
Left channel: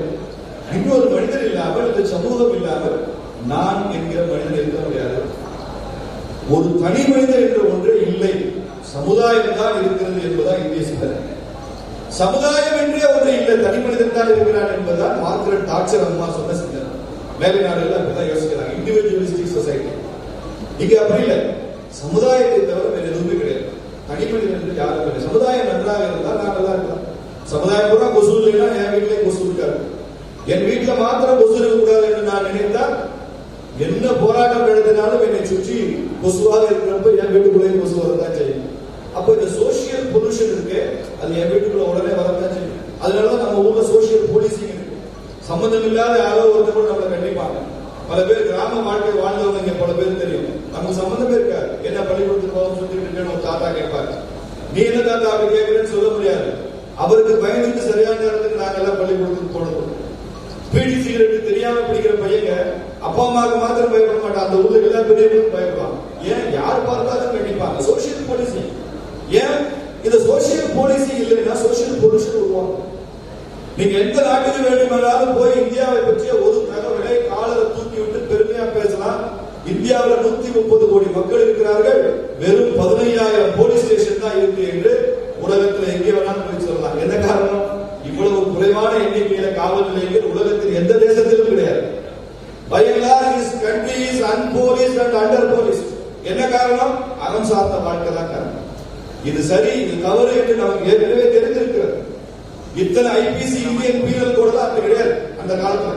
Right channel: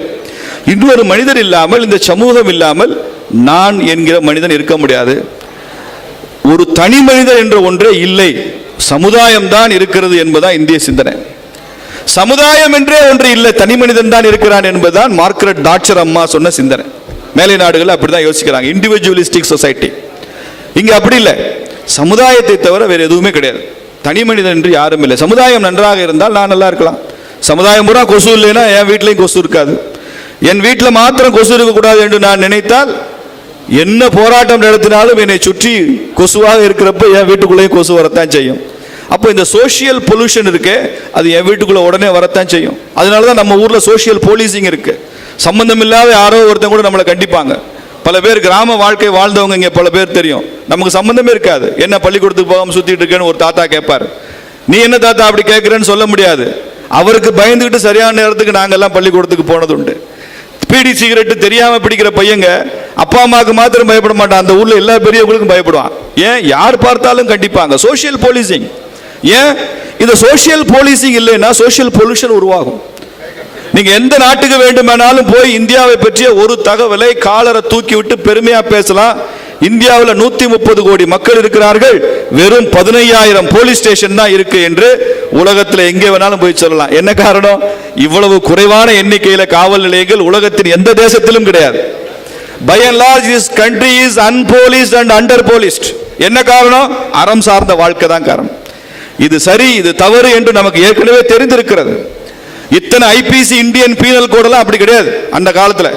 இன்னொரு மனிதன் இல்லாமல், இந்த சமூகம் இல்லாமல் நான் என்கிற மனிதன் இருக்க முடியாது. ஒரு தனி மனிதன் என்ற ஒன்றே இல்லை, சமுதாயம் தான் இருக்கிறது என்பதுதான் இந்திய சிந்தனை. சமுதாயம் என்றே ஒன்று இல்லை, தனி மனிதன் தான் இருக்கிறான் என்பதுதான் மார்கரெட் தாட்சர் அம்மா சொன்ன சிந்தனை. மேலை நாடுகள் அப்படிதான் யோசிக்கிறாங்க, இண்டிவிஜுவலிஸ்டிக் சொசைட்டி. இங்க அப்படி இல்லை, சமுதாயத்தை தவிர வேற எதுவுமே கிடையாது. தனி மனிதன் என்று யாரும் இல்லை. சமுதாயம் நன்றாக இருந்தால் நான் நல்லா இருக்கலாம். சமுதாயம் பூரா கொசு இல்லைன்னா என் வீட்டிலையும் கொசு இருக்காது. என் வீட்டில் மாத்திரம் கொசு இருக்கக்கூடாது என்று நான் நினைத்தால் என்ன போராட்டம் நடத்தினாலும் என்னை சுற்றி கொசுவாக இருக்கிறப்ப என் வீட்டுக்குள்ளேயும் கொசு வரத்தான் செய்யும். அப்போ இந்த சோசியல் பொல்யூஷன் இருக்கு, அது என் வீட்டுக்குள்ள உடனே வரத்தான் செய்யும். அதனாலதான் நம்ம ஊர்ல சோசியல் போலீசிங் இருக்கு. சம்பந்தம் இல்லாத யாரோ ஒருத்தன் கூட நம்மளை கண்டிப்பாங்க. பல பேர் கிராம வாழ்க்கை வாழ்ந்தவங்க இங்க பல பேர் தெரியும், நமக்கு சம்பந்தமே இருக்காது. என்ன பள்ளிக்கூடத்துக்கு போகாம சுத்திட்டு இருக்கேன்னு ஒரு தாத்தா கேட்பார். நீ என்ன தாத்தா அப்படி கேட்கிறேன்னு சொல்ல முடியாது. அவருக்கு பயந்துகிட்டு சரியான நேரத்துக்கு நாங்கெல்லாம் பள்ளிக்கூடத்துக்கு போனது உண்டு. பீடி சிகரெட் தெரியாம பிடிக்கிற பையங்க அப்பா அம்மாவுக்கு மாத்திரம் பயப்பட மாட்டான், அந்த ஊர்ல எல்லா பெரியவங்களுக்கும் பயப்படுவான். ஏன்? யார் பார்த்தாலும் கண்டிப்பாங்க. Social policing. ஏன்? இந்த சோசியல் போலீசிங் இல்லைன்னா சோசியல் பொல்யூஷன் உருவாகும். நீங்க எந்த நாட்டுக்கு வேண்டுமானாலும் போய் இந்தியாவை பற்றிய ஒரு தகவலை காலரை தூக்கி விட்டு பெருமையா பேசலாம். இந்தியாவில் 130 கோடி மக்கள் இருக்கிறார்கள், வெறும் 15,000 போலீஸ் ஸ்டேஷன் தான் இருக்கு என்று உலகத்தில் எங்கே வேணாலும் போய் சொல்லலாம். என்ன காரணம்? இவ்வளவு குறைவான எண்ணிக்கையில காவல் நிலையங்கள் உலகத்தின் எந்த தேசத்திலும் கிடையாது. By and large, this country is unpoliced and underpoliced. என்ன காரணம்? அறம் சார்ந்த வாழ்க்கை தான் காரணம். இது சரி இது தவறு என்று நமக்கு ஏற்கனவே தெரிந்திருக்கிறது. இத்தனை ஐபிசி இந்தியன் பீனல் கோடெல்லாம் அப்படி கிடையாது. அந்த காலத்துல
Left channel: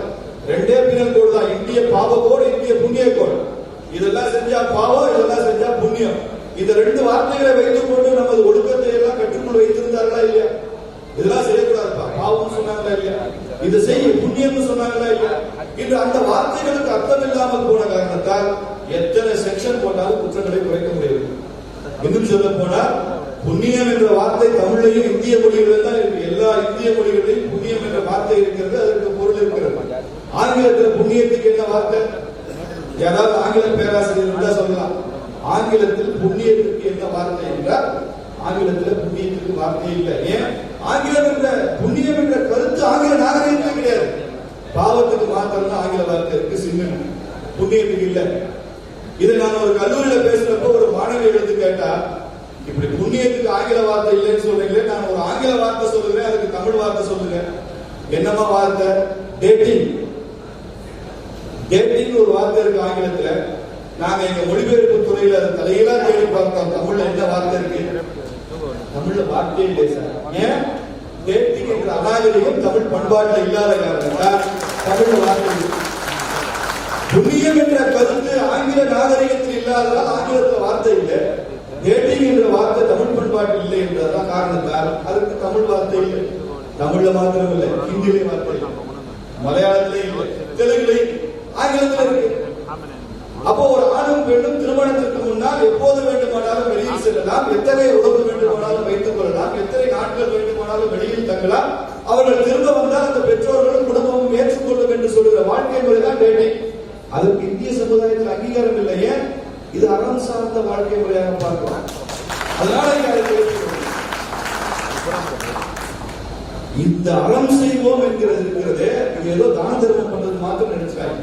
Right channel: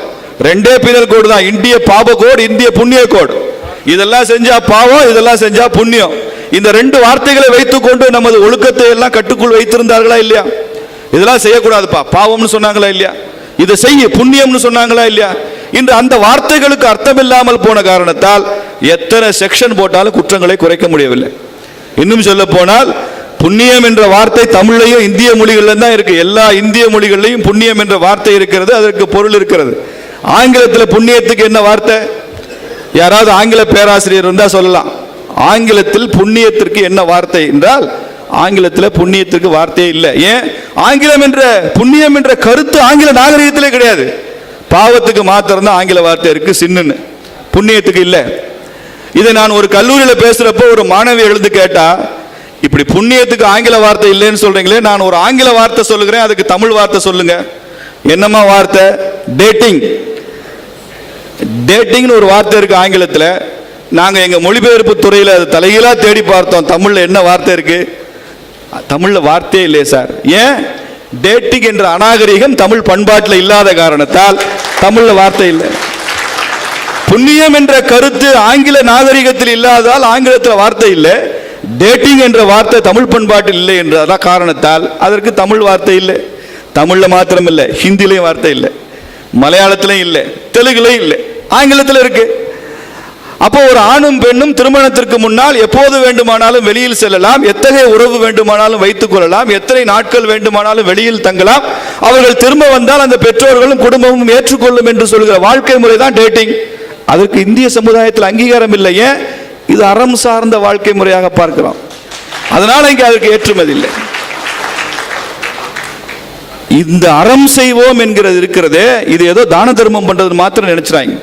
ரெண்டே பீனல் கோடு தான், இந்திய பாப கோடு, இந்திய புண்ணிய கோடு. இதெல்லாம் செஞ்சா பாவம், இதெல்லாம் செஞ்சா புண்ணியம். இந்த ரெண்டு வார்த்தைகளை வைத்துக்கொண்டு நமது ஒழுக்கத்தை எல்லாம் கட்டுக்குள் வைத்திருந்தார்களா இல்லையா? இதெல்லாம் செய்யக்கூடாதுப்பா பாவம்னு சொன்னாங்களா இல்லையா? இதை செய்ய புண்ணியம்னு சொன்னாங்களா இல்லையா? இன்று அந்த வார்த்தைகளுக்கு அர்த்தம் இல்லாமல் போன காரணத்தால் எத்தனை செக்ஷன் போட்டாலும் குற்றங்களை குறைக்க முடியவில்லை. இன்னும் சொல்ல போனால் புண்ணியம் என்ற வார்த்தை தமிழ்லையும் இந்திய மொழிகள்ல தான் இருக்கு. எல்லா இந்திய மொழிகளிலையும் புண்ணியம் என்ற வார்த்தை இருக்கிறது, அதற்கு பொருள் இருக்கிறது. ஆங்கிலத்தில் புண்ணியத்துக்கு என்ன வார்த்தை? யாராவது ஆங்கில பேராசிரியர் இருந்தா சொல்லலாம். ஆங்கிலத்தில் புண்ணியத்திற்கு என்ன வார்த்தை என்றால், ஆங்கிலத்தில் புண்ணியத்திற்கு வார்த்தையே இல்லை. ஏன்? ஆங்கிலம் என்ற புண்ணியம் என்ற கருத்து ஆங்கில நாகரிகத்திலே கிடையாது. பாவத்துக்கு மாத்திரம் தான் ஆங்கில வார்த்தை இருக்கு, சின்னுன்னு. புண்ணியத்துக்கு இல்லை. இதை நான் ஒரு கல்லூரியில் பேசுறப்போ ஒரு மாணவி எழுந்து கேட்டா, இப்படி புண்ணியத்துக்கு ஆங்கில வார்த்தை இல்லைன்னு சொல்றீங்களே, நான் ஒரு ஆங்கில வார்த்தை சொல்லுகிறேன், அதுக்கு தமிழ் வார்த்தை சொல்லுங்க. என்னமா வார்த்தை? டேட்டிங். டேட்டிங்னு ஒரு வார்த்தை இருக்கு ஆங்கிலத்தில். நாங்க எங்க மொழிபெயர்ப்பு துறையில் அது தலைகீழா தேடி பார்த்தோம், தமிழ்ல என்ன வார்த்தை இருக்கு? தமிழ்ல வார்த்தையே இல்லையே சார். ஏன்? டேட்டிங் என்ற அநாகரிகம் தமிழ் பண்பாட்டில் இல்லாத காரணத்தால் தமிழ்ல வார்த்தை இல்லை. புண்ணியம் என்ற கருத்து ஆங்கில நாகரிகத்தில் இல்லாததால் ஆங்கிலத்தில் வார்த்தை இல்லை. டேட்டிங் என்ற வார்த்தை தமிழ் பண்பாட்டில் இல்லை என்ற காரணத்தால் அதற்கு தமிழ் வார்த்தை இல்லை. தமிழ்ல மாத்திரம் இல்லை, ஹிந்திலையும் வார்த்தை இல்லை, மலையாளத்திலையும் இல்லை, தெலுங்குலையும் இல்லை, ஆங்கிலத்தில் இருக்கு. அப்போ ஒரு ஆணும் பெண்ணும் திருமணத்திற்கு முன்னால் எப்போது வேண்டுமானாலும் வெளியில் செல்லலாம், எத்தகைய உறவு வேண்டுமானாலும் வைத்துக் கொள்ளலாம், எத்தனை நாட்கள் வேண்டுமானாலும் வெளியில் தங்கலாம். அவர்கள் திரும்ப வந்தால் அந்த பெற்றோர்களும் குடும்பமும் ஏற்றுக்கொள்ளும் என்று சொல்கிற வாழ்க்கை முறை தான் டேட்டிங். அதற்கு இந்திய சமுதாயத்தில் அங்கீகாரம் இல்லை. ஏன்? இது அறம் சார்ந்த வாழ்க்கை முறையாக பார்க்கிறோம். அதனால இங்கே அதற்கு ஏற்றுமதி இல்லை. இந்த அறம் செய்வோம் என்கிறது இருக்கிறதே, இது ஏதோ தான தர்மம் பண்றது மாத்திரம் நினைச்சாங்க.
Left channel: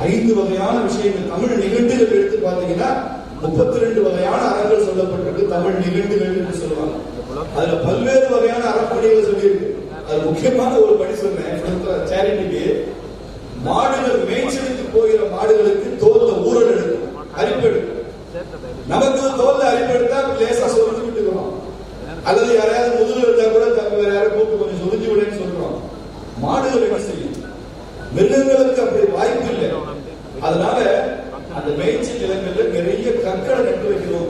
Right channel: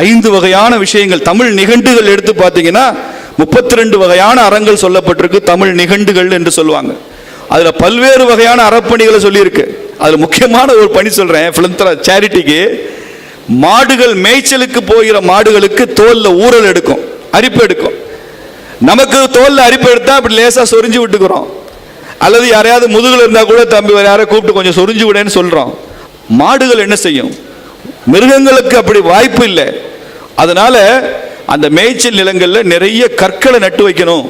5 வகையான விஷயங்கள் தமிழ் நிகண்டுகள் எடுத்து பார்த்தீங்கன்னா 32 வகையான அறங்கள் சொல்லப்பட்டிருக்கு. தமிழ் நிகண்டுகள் என்று சொல்லுவாங்க. அதுல பல்வேறு வகையான அறப்பணிகளை சொல்லியிருக்கு. அதுல முக்கியமான ஒரு பணி சொல்றேன், சேரிட்டிக்கு. மாடுகள் மேய்ச்சலுக்கு போகிற மாடுகளுக்கு தோல்ல ஊறல் எடுக்கும், அரிப்பு எடுக்கும். நமக்கு தோல்ல அரிப்பு எடுத்தா அப்படி லேசா சொரிஞ்சு விட்டுக்கிறோம், அல்லது யாரையாவது முதுகுல இருந்தா கூட தம்பி யாரை கூப்பிட்டு கொஞ்சம் சொரிஞ்சு விடன்னு சொல்றோம். மாடுகள் என்ன செய்யும்? மிருகங்களுக்கு அப்படி வாய்ப்பு இல்லை. அதனால அந்த மேய்ச்சல் நிலங்கள்ல நிறைய கற்களை நட்டு வைக்கணும்.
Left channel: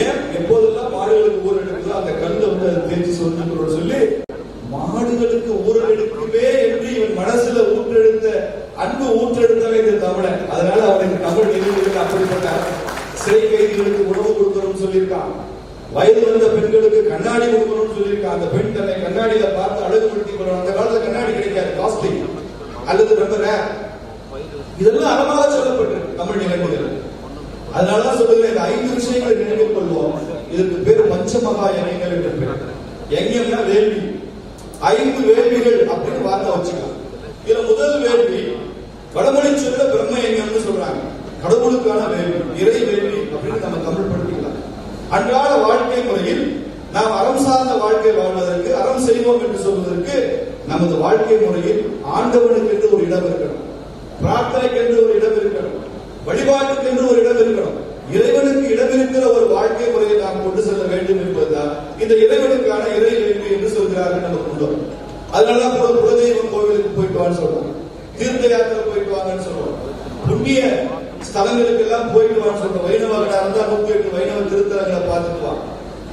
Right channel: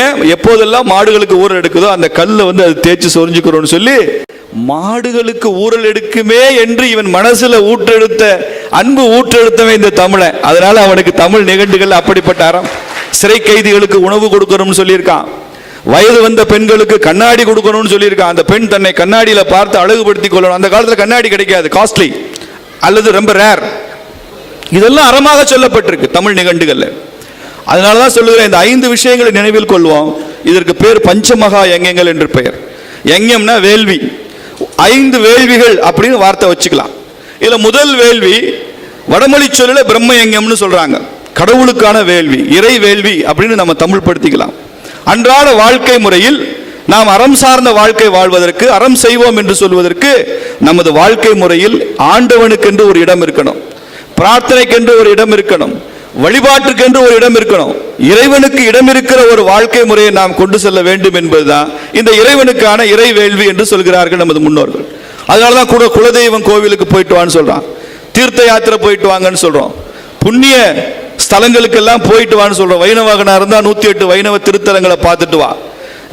ஏன்? எப்போதெல்லாம் மாடுகளுக்கு ஊரல் எடுக்குதோ அந்த கல்லை அது தேய்ச்சி சொரிஞ்சுக்கிறோம்னு சொல்லி மாடுகளுக்கு ஊரல் எடுக்குமே என்று இவன் மனசுல ஊற்றெடுத்த அன்பு ஊற்றெடுத்தவன் இந்த தமிழன். அதனால அவனுக்கு தமிழ் நிகண்டுகள் அப்படிப்பட்ட அறம். சிறை கைதிகளுக்கு உணவு கொடுக்கணும்னு சொல்லியிருக்கான். வயது வந்த பெண்களுக்கு கண்ணாடி கொடுக்கணும்னு சொல்லியிருக்கான். அந்த பெண் தன்னை கண்ணாடியில பார்த்து அழகுபடுத்திக் கொள்ளணும். அந்த காலத்துல கண்ணாடி கிடைக்காது, காஸ்ட்லி அல்லது ரொம்ப ரேர். இதெல்லாம் அறமாக சொல்லப்பட்டிருக்கு தமிழ் நிகண்டுகள்ல. அதனாலதான் சொல்லுகிறேன், இந்த 5 விஷயங்களை நினைவில் கொள்வோம். இதற்கு பேர் பஞ்சமகா யஞங்கள் என்று பெயர். யஞம்னா வேள்வி. 5 வேள்விகள் அப்படின்னு வார்த்தை வச்சுக்கலாம். இதுல முதல் வேள்வி வடமொழி சொல்ல பிரம்ம யஞம்னு சொல்றாங்க, கடவுளுக்கான வேள்வி, இறை வேள்வி அப்படின்னு நம்ம தமிழ் படுத்திக்கலாம். அன்றாட வாழ்க்கை முறையில் நாம் அறம் சார்ந்த வாழ்க்கை வாழ்வதற்கு, அறம் செய்வோம் என்று சொல்வதற்கு நமது வாழ்க்கை முறையில் ஆண்டவனுக்கென்று ஒரு இடம் இருக்கணும், பிரார்த்தனைக்கென்று ஒரு இடம் இருக்கணும், வழிபாட்டுக்கென்று ஒரு இடம் இருக்கணும். இறைவனுக்கு இடம் இருக்கிற ஒரு வாழ்க்கை முறையை நாம் கொண்டு செல்ல வேண்டும் என்பதுதான் இந்த இறைவனுக்கான இறை வேள்வி என்று சொல்கிறார்கள் நமது முன்னோர்கள். அதனாலதான் கூட குலதெய்வம் கோவிலுக்கு போயிட்டு வான்னு சொல்றான், தீர்த்த யாத்திரை போயிட்டு வாங்கன்னு சொல்றோம், புண்ணிய ஸ்தலங்களுக்கெல்லாம் போயிட்டு வான்னு சொல்றோம். வைணவகனா இருந்தா 108 வைணவ திருத்தலங்களை பார்த்துட்டு வா.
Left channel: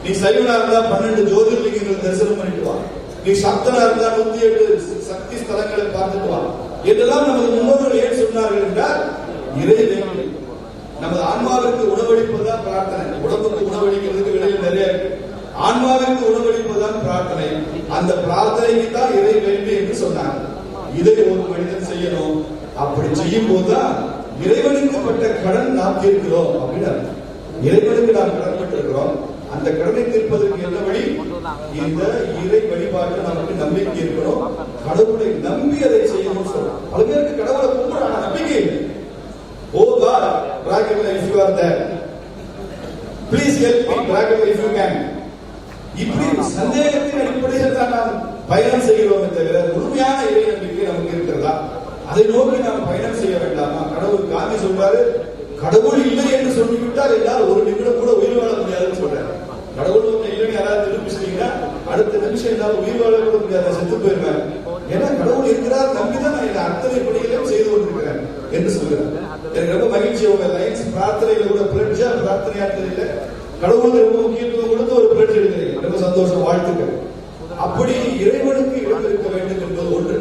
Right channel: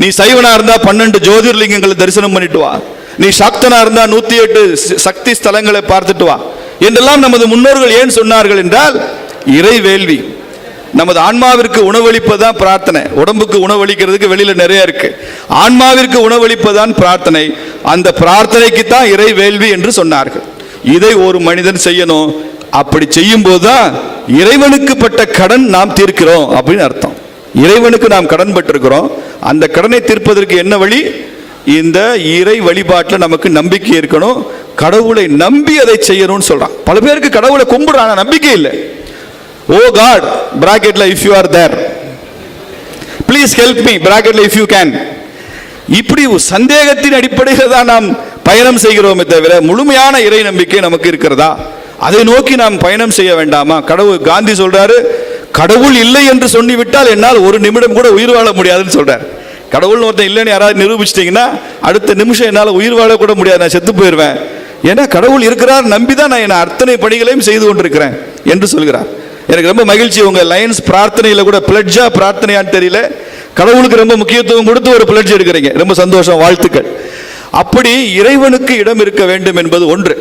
நீ சைவனா இருந்தா 12 ஜோதிர்லிங்கங்களை தரிசனம் பண்ணிட்டு வா. நீ சக்தனா இருந்தா 108 சக்தி ஸ்தலங்களை பார்த்துட்டு வா. என்றெல்லாம் நமது முன்னோர்கள் ஏன் சொன்னார்கள் என்றால், இறை வேள்வி. நமது ஆன்மாவிற்கு உணவளிப்பதுதான் பிரார்த்தனை. உடம்புக்கு உணவளிக்கிறதுக்கு வெளியில நிறைய இருக்கு. ஆன்மாவிற்கு உணவளிப்பதுதான் பிரார்த்தனை. அந்த பிரார்த்தனைக்கு தான் இறை வேள்வி என்று சொன்னார்கள். இதை ஒரு மனிதன் செய்யணும். அப்படி செய்யும் போதுதான் இறைவனுக்கு பட்ட கடன் நாம் தீர்க்கிறோம் அப்படின்னு அர்த்தம். இறைவனுக்கு நாம் கடன் பட்டிருக்கிறோம். அந்த கடனை தீர்ப்பதற்கு என்ன வழி? இந்த இறை வழிபாட்டில் நமக்கு நம்பிக்கை இருக்கணும். கடவுளை நம்பி அதை செய்யணும்னு சொல்றான். பல பேருக்கு கடவுளை கும்பிடுறாங்க, நம்பிக்கை இல்லை. ஓ காட் பிராக்கெட்ல if you are there, please help me பிராக்கெட்ல இஃப் யூ கேன். இப்படி சந்தேகத்தின் அடிப்படையில் தான் நாம் பயணம் செய்கிறோமே தவிர முழுமையான இறை நம்பிக்கை நமக்கு இருக்கிறதா? அதை நோக்கி நாம் பயணம் செய்ய வேண்டாமா? கடவுள் காந்தி சொல்றாரு, கடவுள் இல்லை என்று சொல்லிவிட்டால் என்னால் ஒரு நிமிடம் கூட உயிர் வாழ முடியாதுன்னு சொல்றாரு. கடவுள் ஒருத்தன் இல்லைன்னு யாராவது நிரூபிச்சிட்டீங்கன்னா அடுத்த நிமிஷம் என்னால் உயிர் வாழ கூட முடியாது, நான் செத்து போயிடுவேன். ஏன்னா கடவுள் இருக்கிறார் நம்பிதான் நான் என் அத்தனை பணிகளையும் செய்து கொண்டிருக்கிறேன் என்று சொல்கிறார். எனக்கு ரொம்ப மகிழ்ச்சி, உங்க லைன்ஸ் பிரார்த்தனையில கூட பிளட்ஜா பிரார்த்தனையான்னு தெரியல, கடவுளுக்கு ரொம்ப முக்கியத்துவம் கொடுத்து ஒரு பிளட்ஜ் எடுக்கிறீங்க. ரொம்ப சந்தோஷம், வாழ்த்துக்கள். அப்படி இறைவனுக்கு இடம் இருக்க வேண்டும் என்பது ஒன்று.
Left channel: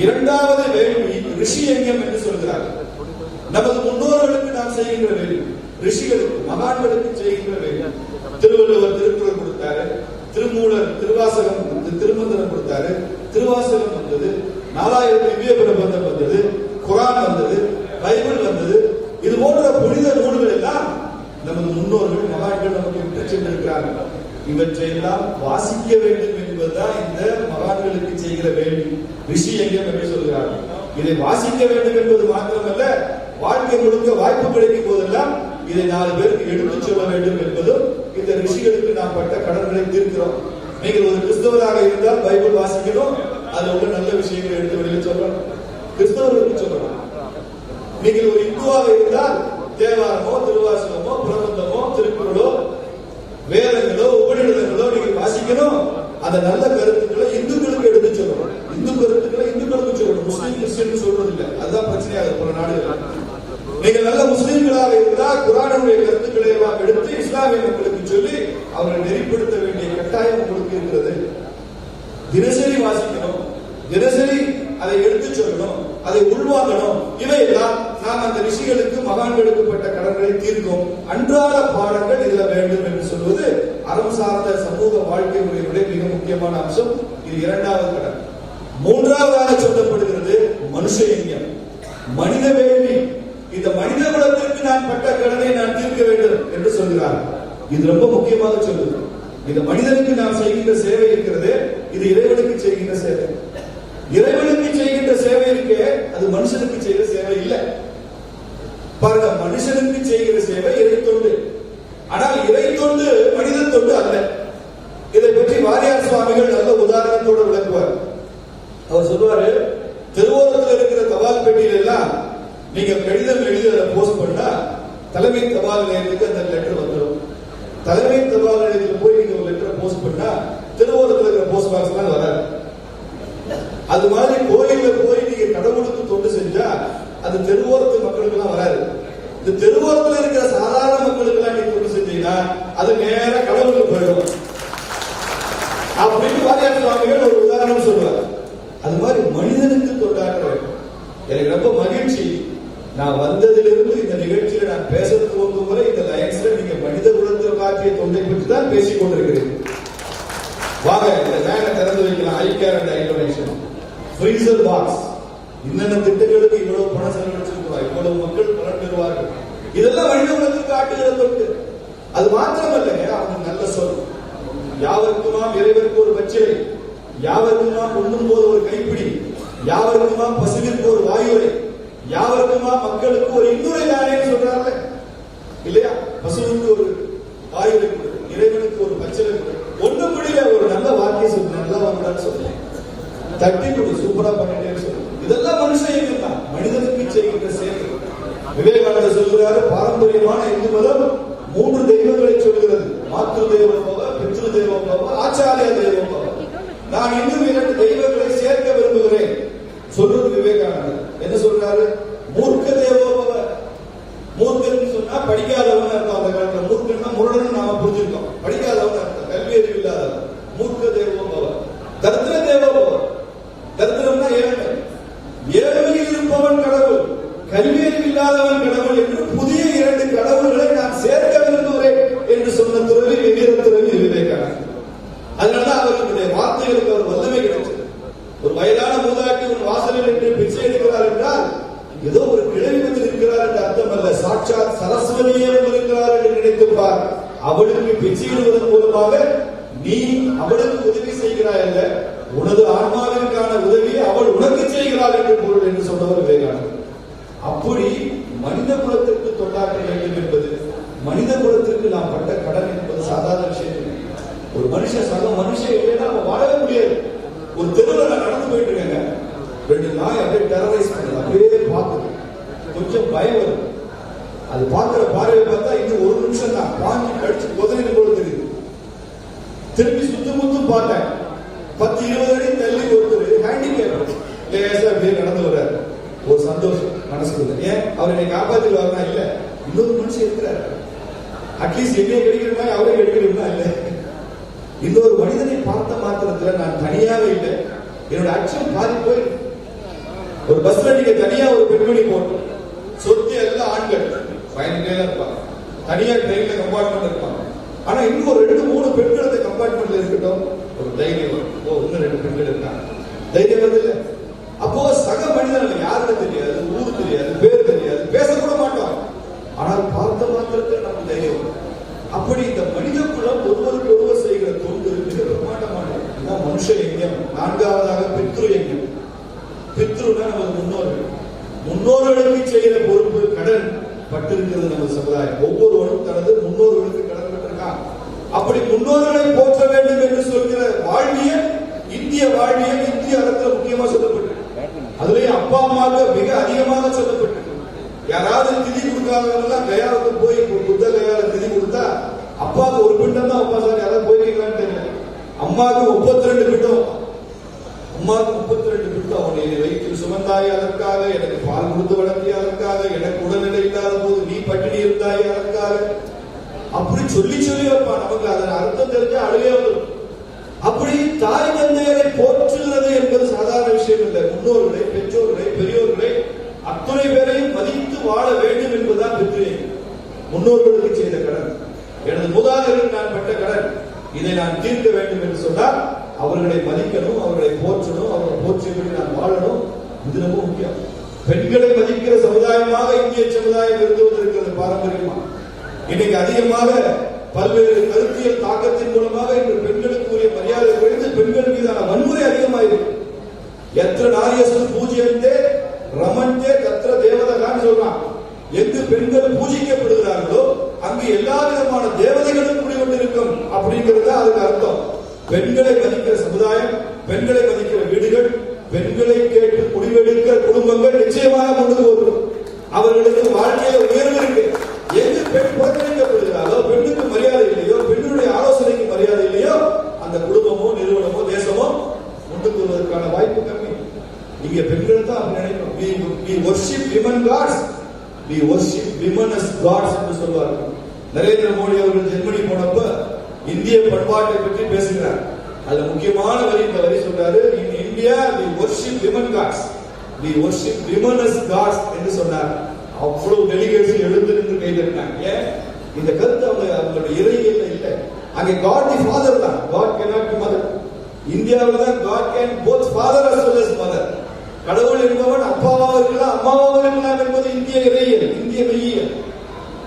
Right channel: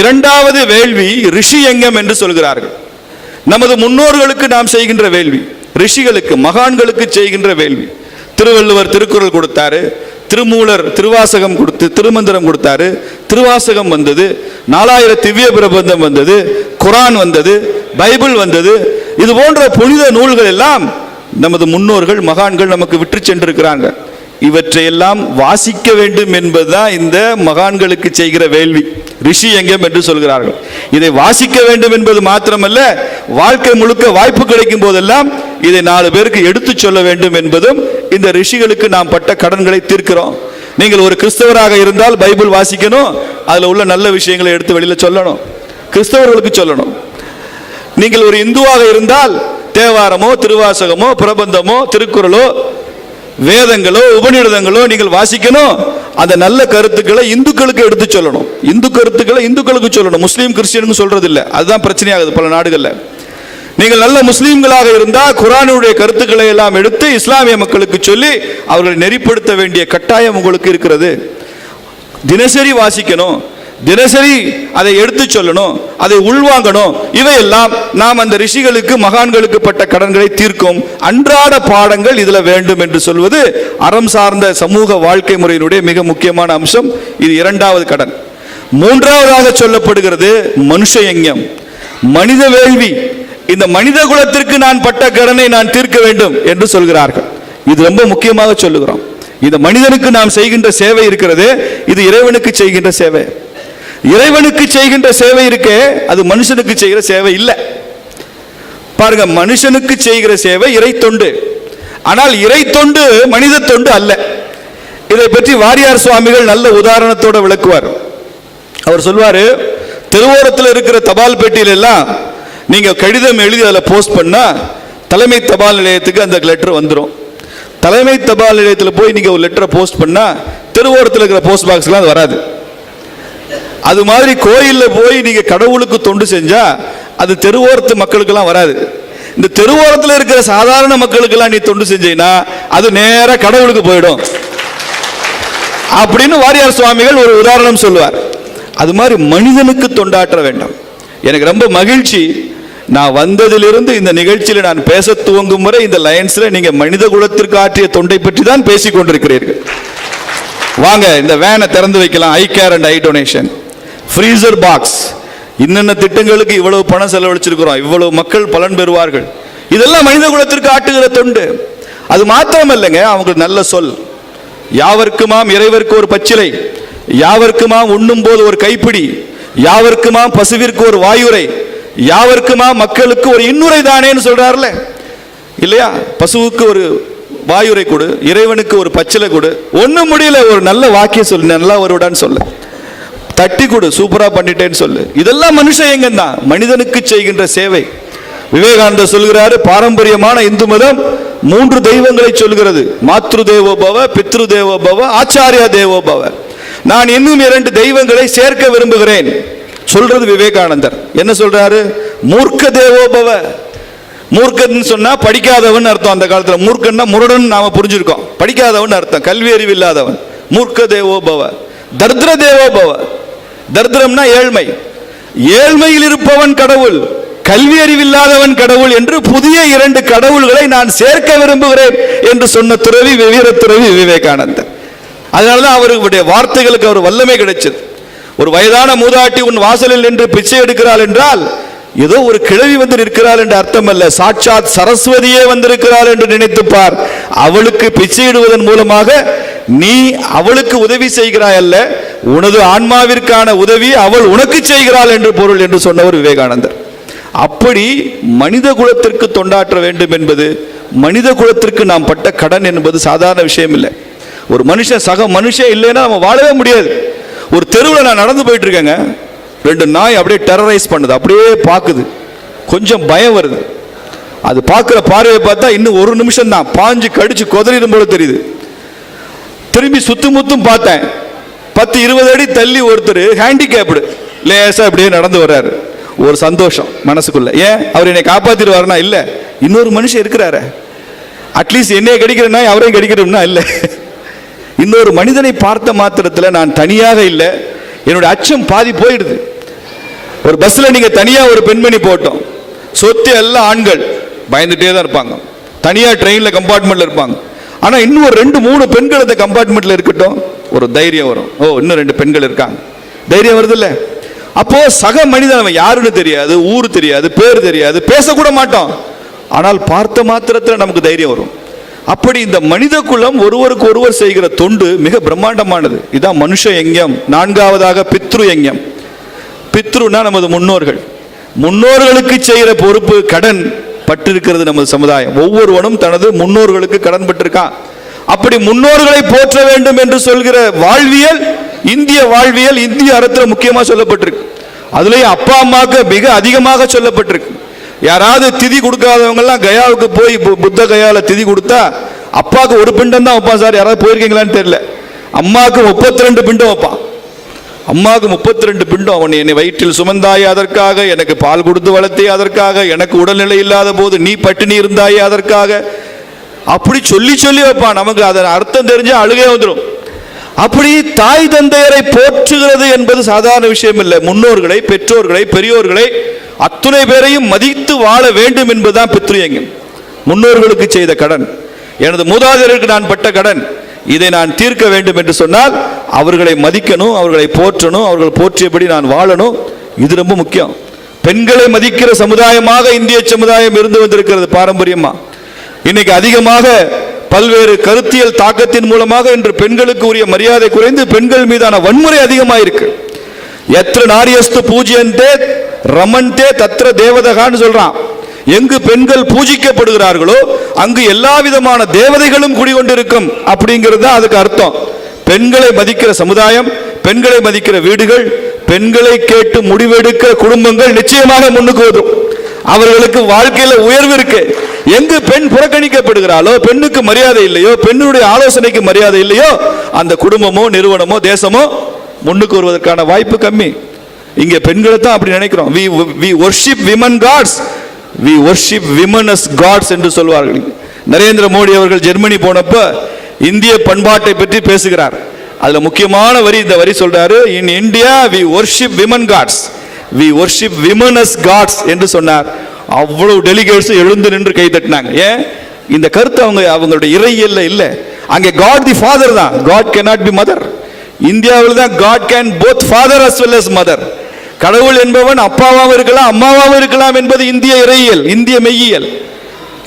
இரண்டாவது வேள்வி ரிஷி யங்கம் என்று சொல்கிறார்கள். நமது முன்னோர்களுக்கு நாம் செய்கின்ற வேள்வி, ரிஷிகளுக்கு மகான்களுக்கு செய்கின்ற வேள்வி. திருவள்ளுவர் திருக்குறள் கொடுத்தாரு, திருமூலர் திருவாசகம் கொடுத்து திருமந்திரம் கொடுத்தாரு, திருவாசகம் வந்தது, 4000 திவ்ய பிரபந்தம் வந்தது, குரான் வந்தது, பைபிள் வந்தது. இது போன்ற புனித நூல்கள் எல்லாம் நமது முன்னோர்கள் மகான்கள் நமக்கு விட்டு சென்றிருக்கிறாங்க. இவற்றையெல்லாம் வாசிக்க வேண்டும் என்பதுதான் இந்த மகான்களுக்கு செய்கிற வேள்வி, ரிஷி யங்கம் என்று சொல்கிறார்கள். இதை வாசிக்க வேண்டும் என்பது மாத்திரமல்ல, வாழ்க்கை முழுக்க வாய்ப்பு கிடைக்கும் போதெல்லாம் இதை 4 பேருக்கு எடுத்து சொல்ல வேண்டும் என்பதும் இந்த ரிஷிகளுக்கு நாம் பட்ட கடன்களை தீர்க்கிறோம். நீங்கள் ஒரு கிறிஸ்தவராக இருந்தால் பைபிள் வாசிக்கணும், அதுல உள்ள நல்ல விஷயங்களை எடுத்து வெளியில சொல்லணும், கிறிஸ்தவர்களுக்கு சொல்லணும். நீங்கள் ஒரு இந்துவாக இருந்தால் தேவாரமோ திருவாசகமோ பிரபந்தமோ திருக்குறளோ வேதங்களோ உபநிடதங்களோ நீங்கள் வாசிக்கணும். அந்த நல்ல கருத்துக்களை இந்துக்களுக்கு எடுத்து சொல்லணும், இந்து கருத்துக்களை இந்துக்களுக்கு சொல்லணும், முஸ்லீம் கிறிஸ்டியன் சொல்றது இல்லை. அதுதான் பிரச்சனையாகுது பல நாடுகள்ல. நீங்கள் நல்ல முஸ்லீம்களாக இருந்தால் குர்ஆனுடைய கருத்துக்களை எல்லாம் எடுத்து இஸ்லாமிய மக்களுக்கு சொல்லி அவர்களை நெறிப்படுத்த வேண்டிய கட்டாயம் உங்களுக்கு இருக்கிறது. தினசரி வாசிக்கணும், தினசரி அதை எடுத்து சொல்லணும், அதை உள்வாங்கணும். இவையெல்லாம் நாம் அந்த ரிஷிகளுக்கு மகான்களுக்கு பட்ட கடன்களை தீர்க்கும் அன்றாட பாடங்கள் இதுல வேண்டும் என்று சொல்வது அறம் சார்ந்த சமூக வாழ்க்கை முறையினுடைய மிக முக்கியமான அம்சம். இது இரண்டாவது கடன். மூன்றாவதாக சொல்லப்படுகிறது மனுஷ யஞ்ஞம், மனித வேள்வி. இந்த மனித குலத்திற்கு நான் பட்ட கடனை நான் தீர்க்க வேண்டும் என்று சொல்கிறார்கள். இது ரொம்ப முக்கியமாக சொல்லுகிறோம். இந்த மனிதனுக்கு நாம் செய்கின்ற சேவை இருக்கிறது, இது இறைவனுக்கு செய்கின்ற சேவை. இறைவனுக்கு செய்கின்ற சேவை இருக்கே, அது மனுஷனுக்கு செய்கிற சேவை இல்லை. பாருங்க, மனுஷனுக்கு செய்கிற சேவை இறை தொண்டு, ஆனால் இறை தொண்டு மனித தொண்டு அல்ல. இதை பற்றி வாரியார் சுவாமிகள் நல்ல உதாரணத்தோட விளக்குவார். அவர் சொல்வாரு, திருவோரத்தில் இருக்கிற தபால் பெட்டியில எல்லாம் நீங்க கடிதம் எழுதி அதில் போஸ்ட் பண்ணா தலைமை தபால் நிலையத்துக்கு அந்த லெட்டர் வந்துடும். தலைமை தபால் நிலையத்தில் போய் நீங்க ஒரு லெட்டரை போஸ்ட் பண்ணா திருவோரத்தில் இருக்கிற போஸ்ட் பாக்ஸ்லாம் அது வராது. அது மாதிரி கோயில்ல போய் நீங்க கடவுளுக்கு தொண்டு செஞ்சா அது தெருவோரத்து மக்களுக்கெல்லாம் வராது. இந்த தெருவோரத்தில் இருக்கிற சாதாரண மக்களுக்கெல்லாம் நீ தொண்டு செஞ்சீங்கன்னா அது நேரா கடவுளுக்கு போயிடும் அப்படின்னு வாரியார் சுவாமிகள் ஒரு உதாரணம் சொல்லுவார். அது மாதிரி மனிதனுக்கு தொண்டாற்ற வேண்டாம். எனக்கு ரொம்ப மகிழ்ச்சி, நான் வந்ததிலிருந்து இந்த நிகழ்ச்சியில் நான் பேச துவங்கும் வரை இந்த லைன்ஸ்ல நீங்க மனித குலத்திற்கு ஆற்றிய தொண்டை பற்றி தான் பேசிக் கொண்டிருக்கிறீர்கள். வாங்க, இந்த வேனை திறந்து வைக்கலாம். Eye care and eye donation, freezer box, இன்னென்ன திட்டங்களுக்கு இவ்வளவு பணம் செலவழிச்சிருக்கிறோம், இவ்வளவு மக்கள் பலன் பெறுவார்கள். இதெல்லாம் மனித குலத்திற்கு ஆட்டுகிற தொண்டு. அது மாத்திரம் இல்லைங்க, அவங்களுக்கு நல்ல சொல். யாவர்க்குமாம் இறைவருக்கு ஒரு பச்சிலை, யாவர்க்குமாம் உண்ணும் போது ஒரு கைப்பிடி, யாவர்க்குமாம் பசுவிற்கு ஒரு வாயுரை, யாவர்க்குமாம் மக்களுக்கு ஒரு இன்னுரை தானேன்னு சொல்றாருல இல்லையா? பசுவுக்கு ஒரு வாயுரை கொடு, இறைவனுக்கு ஒரு பச்சிலை கொடு, ஒண்ணும் முடியல ஒரு நல்ல வாக்கியம் சொல்லு, நல்லா வருடான்னு சொல்லு, தட்டி கொடு, சூப்பரா பண்ணிட்டேன்னு சொல்லு. இதெல்லாம் மனுஷன் எங்க தான் மனிதனுக்கு செய்கின்ற சேவை. விவேகானந்தர் சொல்கிறாரு, பாரம்பரியமான இந்து மதம் 3 தெய்வங்களை சொல்கிறது. மாத்ரு தேவோ பவ, பித்ரு தேவோ பவ, ஆச்சாரியா தேவோ பவ. நான் இன்னும் 2 தெய்வங்களை சேர்க்க விரும்புகிறேன் சொல்றது விவேகானந்தர். என்ன சொல்றாரு? மூர்க்க தேவோ பவ. மூர்க்கன்னு சொன்னா படிக்காதவன் அர்த்தம். அந்த காலத்துல மூர்க்கன்னா முரடன் நாம புரிஞ்சிருக்கோம். படிக்காதவன் அர்த்தம், கல்வி அறிவு இல்லாதவன். மூர்க்க தேவோ பவ. தர்திர தேவோ பவ. தர்திரம்னா ஏழ்மை. ஏழ்மையில் இருப்பவன் கடவுள், கல்வி அறிவில்லாதவன் கடவுள் என்று புதிய 2 கடவுள்களை நான் சேர்க்க விரும்புகிறேன் என்று சொன்ன துறவி வீரத்துறவி விவேகானந்தர். அதனாலதான் அவருடைய வார்த்தைகளுக்கு அவர் வல்லமை கிடைச்சது. ஒரு வயதான மூதாட்டி உன் வாசலில் நின்று பிச்சை எடுக்கிறாள் என்றால் ஏதோ ஒரு கிழவி வந்து நிற்கிறாள் என்று அர்த்தம் அல்ல, சாட்சாத் சரஸ்வதியே வந்திருக்கிறாள் என்று நினைத்துப்பார். அவளுக்கு பிச்சையிடுவதன் மூலமாக நீ அவளுக்கு உதவி செய்கிறாய் அல்ல, உனது ஆன்மாவிற்கான உதவி அவள் உனக்கு செய்கிறாள் என்று பொருள் என்று சொன்னவர் விவேகானந்தர். அப்படி மனித குலத்திற்கு தொண்டாற்ற வேண்டும் என்பது, மனித குலத்திற்கு நாம் பட்ட கடன் என்பது சாதாரண விஷயம் இல்லை. ஒரு மனுஷன் சக மனுஷன் இல்லைன்னா நம்ம வாழவே முடியாது. ஒரு தெருவில் நான் நடந்து போயிட்டு இருக்கேங்க, 2 நாய் அப்படியே டெரரைஸ் பண்ணுது, அப்படியே பார்க்குது, கொஞ்சம் பயம் வருது. அது பார்க்குற பார்வையை பார்த்தா இன்னும் 1 நிமிஷம் தான், பாஞ்சு கடிச்சு கொதறிடும் போல தெரியுது. திரும்பி சுத்தும் பார்த்தேன், 10-20 அடி தள்ளி ஒருத்தர் ஹேண்டிகேப்டு லேசா அப்படியே நடந்து வர்றாரு. ஒரு சந்தோஷம் மனசுக்குள்ள. ஏன்? அவர் என்னை காப்பாத்திடுவாருனா இல்ல, இன்னொரு மனுஷன் இருக்கிறாரு, அட்லீஸ்ட் என்னைய கடிக்கிற நாய் அவரையும் கடிக்கிறோம்னா இல்ல, இன்னொரு மனிதனை பார்த்த மாத்திரத்தில் நான் தனியாக இல்லை, என்னுடைய அச்சம் பாதி போயிடுது. ஒரு பஸ்ல நீங்க தனியா ஒரு பெண்மணி போட்டோம், சொத்து எல்லாம் ஆண்கள் பயந்துட்டே தான் இருப்பாங்க, தனியா ட்ரெயின்ல கம்பார்ட்மெண்ட்ல இருப்பாங்க. ஆனா இன்னும் ஒரு 2-3 பெண்கள் அந்த கம்பார்ட்மெண்ட்ல இருக்கட்டும், ஒரு தைரியம் வரும். ஓ, இன்னும் 2 பெண்கள் இருக்காங்க, தைரியம் வருது இல்ல? அப்போ சக மனிதன் அவன் யாருன்னு தெரியாது, ஊர் தெரியாது, பேர் தெரியாது, பேசக்கூட மாட்டோம், ஆனால் பார்த்த மாத்திரத்தில் நமக்கு தைரியம் வரும். அப்படி இந்த மனித குலம் ஒருவருக்கு ஒருவர் செய்கிற தொண்டு மிக பிரம்மாண்டமானது. இதான் மனுஷ யஞ்ஞம். 4வதாக பித்ரு யஞ்ஞம். பித்ருனா நமது முன்னோர்கள், முன்னோர்களுக்கு செய்கிற பொறுப்பு கடன் பட்டிருக்கிறது நமது சமுதாயம். ஒவ்வொருவனும் தனது முன்னோர்களுக்கு கடன் பட்டிருக்கான். அப்படி முன்னோர்களை போற்ற வேண்டும் என்று சொல்கிற வாழ்வியல், இந்திய வாழ்வியல் இந்திய அறத்தில் முக்கியமாக சொல்லப்பட்டிருக்கு. அதுலேயும் அப்பா அம்மாவுக்கு மிக அதிகமாக சொல்லப்பட்டிருக்கு. யாராவது திதி கொடுக்காதவங்க எல்லாம் கயாவுக்கு போய் புத்த கயால திதி கொடுத்தா அப்பாவுக்கு 1 பிண்டம் தான் வைப்பான் சார். யாராவது போயிருக்கீங்களான்னு தெரியல. அம்மாவுக்கு 32 பிண்டம் வைப்பான். அம்மாவுக்கு 32 பிண்டம். அவன் என்னை வயிற்றில் சுமந்தாயே அதற்காக, எனக்கு பால் கொடுத்து வளர்த்தே அதற்காக, எனக்கு உடல்நிலை இல்லாத போது நீ பட்டினி இருந்தாயே அதற்காக, அப்படி சொல்லி சொல்லி வைப்பான். நமக்கு அதன் அர்த்தம் தெரிஞ்சா அழுகே வந்துடும். அப்படி தாய் தந்தையரை போற்றுகிறது என்பது சாதாரண விஷயம் இல்லை. முன்னோர்களை, பெற்றோர்களை, பெரியோர்களை அத்துணை பேரையும் மதித்து வாழ வேண்டும் என்பதுதான் பித்ருயங்கம். முன்னோர்களுக்கு செய்த கடன், எனது மூதாதையருக்கு நான் பட்ட கடன், இதை நான் தீர்க்க வேண்டும் என்று சொன்னால் அவர்களை மதிக்கணும், அவர்களை போற்றணும், அவர்கள் போற்றியபடி நான் வாழணும். இது ரொம்ப முக்கியம். பெண்களை மதிக்கிற சமுதாயமாக இந்திய சமுதாயம் இருந்து வந்திருக்கிறது பாரம்பரியமா. இன்னைக்கு அதிகமாக பல்வேறு கருத்தியல் தாக்கத்தின் மூலமாக இன்று பெண்களுக்கு உரிய மரியாதை குறைந்து பெண்கள் மீதான வன்முறை அதிகமாக இருக்கு. எத்திர நாரியஸ்து பூஜ்யந்தே ரமன்தே தத்ர தேவதகான்னு சொல்றான். எங்கு பெண்கள் பூஜிக்கப்படுகிறார்களோ அங்கு எல்லா விதமான தேவதைகளும் குடிகொண்டிருக்கும் அப்படிங்கிறது தான் அதுக்கு அர்த்தம். பெண்களை மதிக்கிற சமுதாயம், பெண்களை மதிக்கிற வீடுகள், பெண்களை கேட்டு முடிவெடுக்கிற குடும்பங்கள் நிச்சயமாக முன்னுக்கு வரும். அவர்களுக்கு வாழ்க்கையில உயர்வு இருக்கு. எங்கு பெண் புறக்கணிக்கப்படுகிறாளோ, பெண்ணுக்கு மரியாதை இல்லையோ, பெண்ணுடைய ஆலோசனைக்கு மரியாதை இல்லையோ, அந்த குடும்பமோ நிறுவனமோ தேசமோ முன்னுக்கு வருவதற்கான வாய்ப்பு கம்மி. இங்க பெண்களை தான் அப்படி நினைக்கிறோம். we worship women gods, we worship women as gods என்று சொல்வார்கள். நரேந்திர மோடி அவர்கள் ஜெர்மனி போனப்ப இந்திய பண்பாட்டை பற்றி பேசுகிறார். அதுல முக்கியமான வரி இந்த வரி சொல்றாரு, in India we worship women gods, we worship women as gods என்று சொன்னார். அவ்வளவு டெலிகேட்ஸ் எழுந்து நின்று கை தட்டினாங்க. ஏன்? இந்த கருத்து அவங்களுடைய இறையியல்ல இல்ல. அங்கே God the father தான், God cannot be mother. இந்தியாவில் தான் God can both father as well as mother. கடவுள் என்பவன் அப்பாவாகவும் இருக்கலாம் அம்மாவாகவும் இருக்கலாம் என்பது இந்திய இறையியல், இந்திய மெய்யியல்.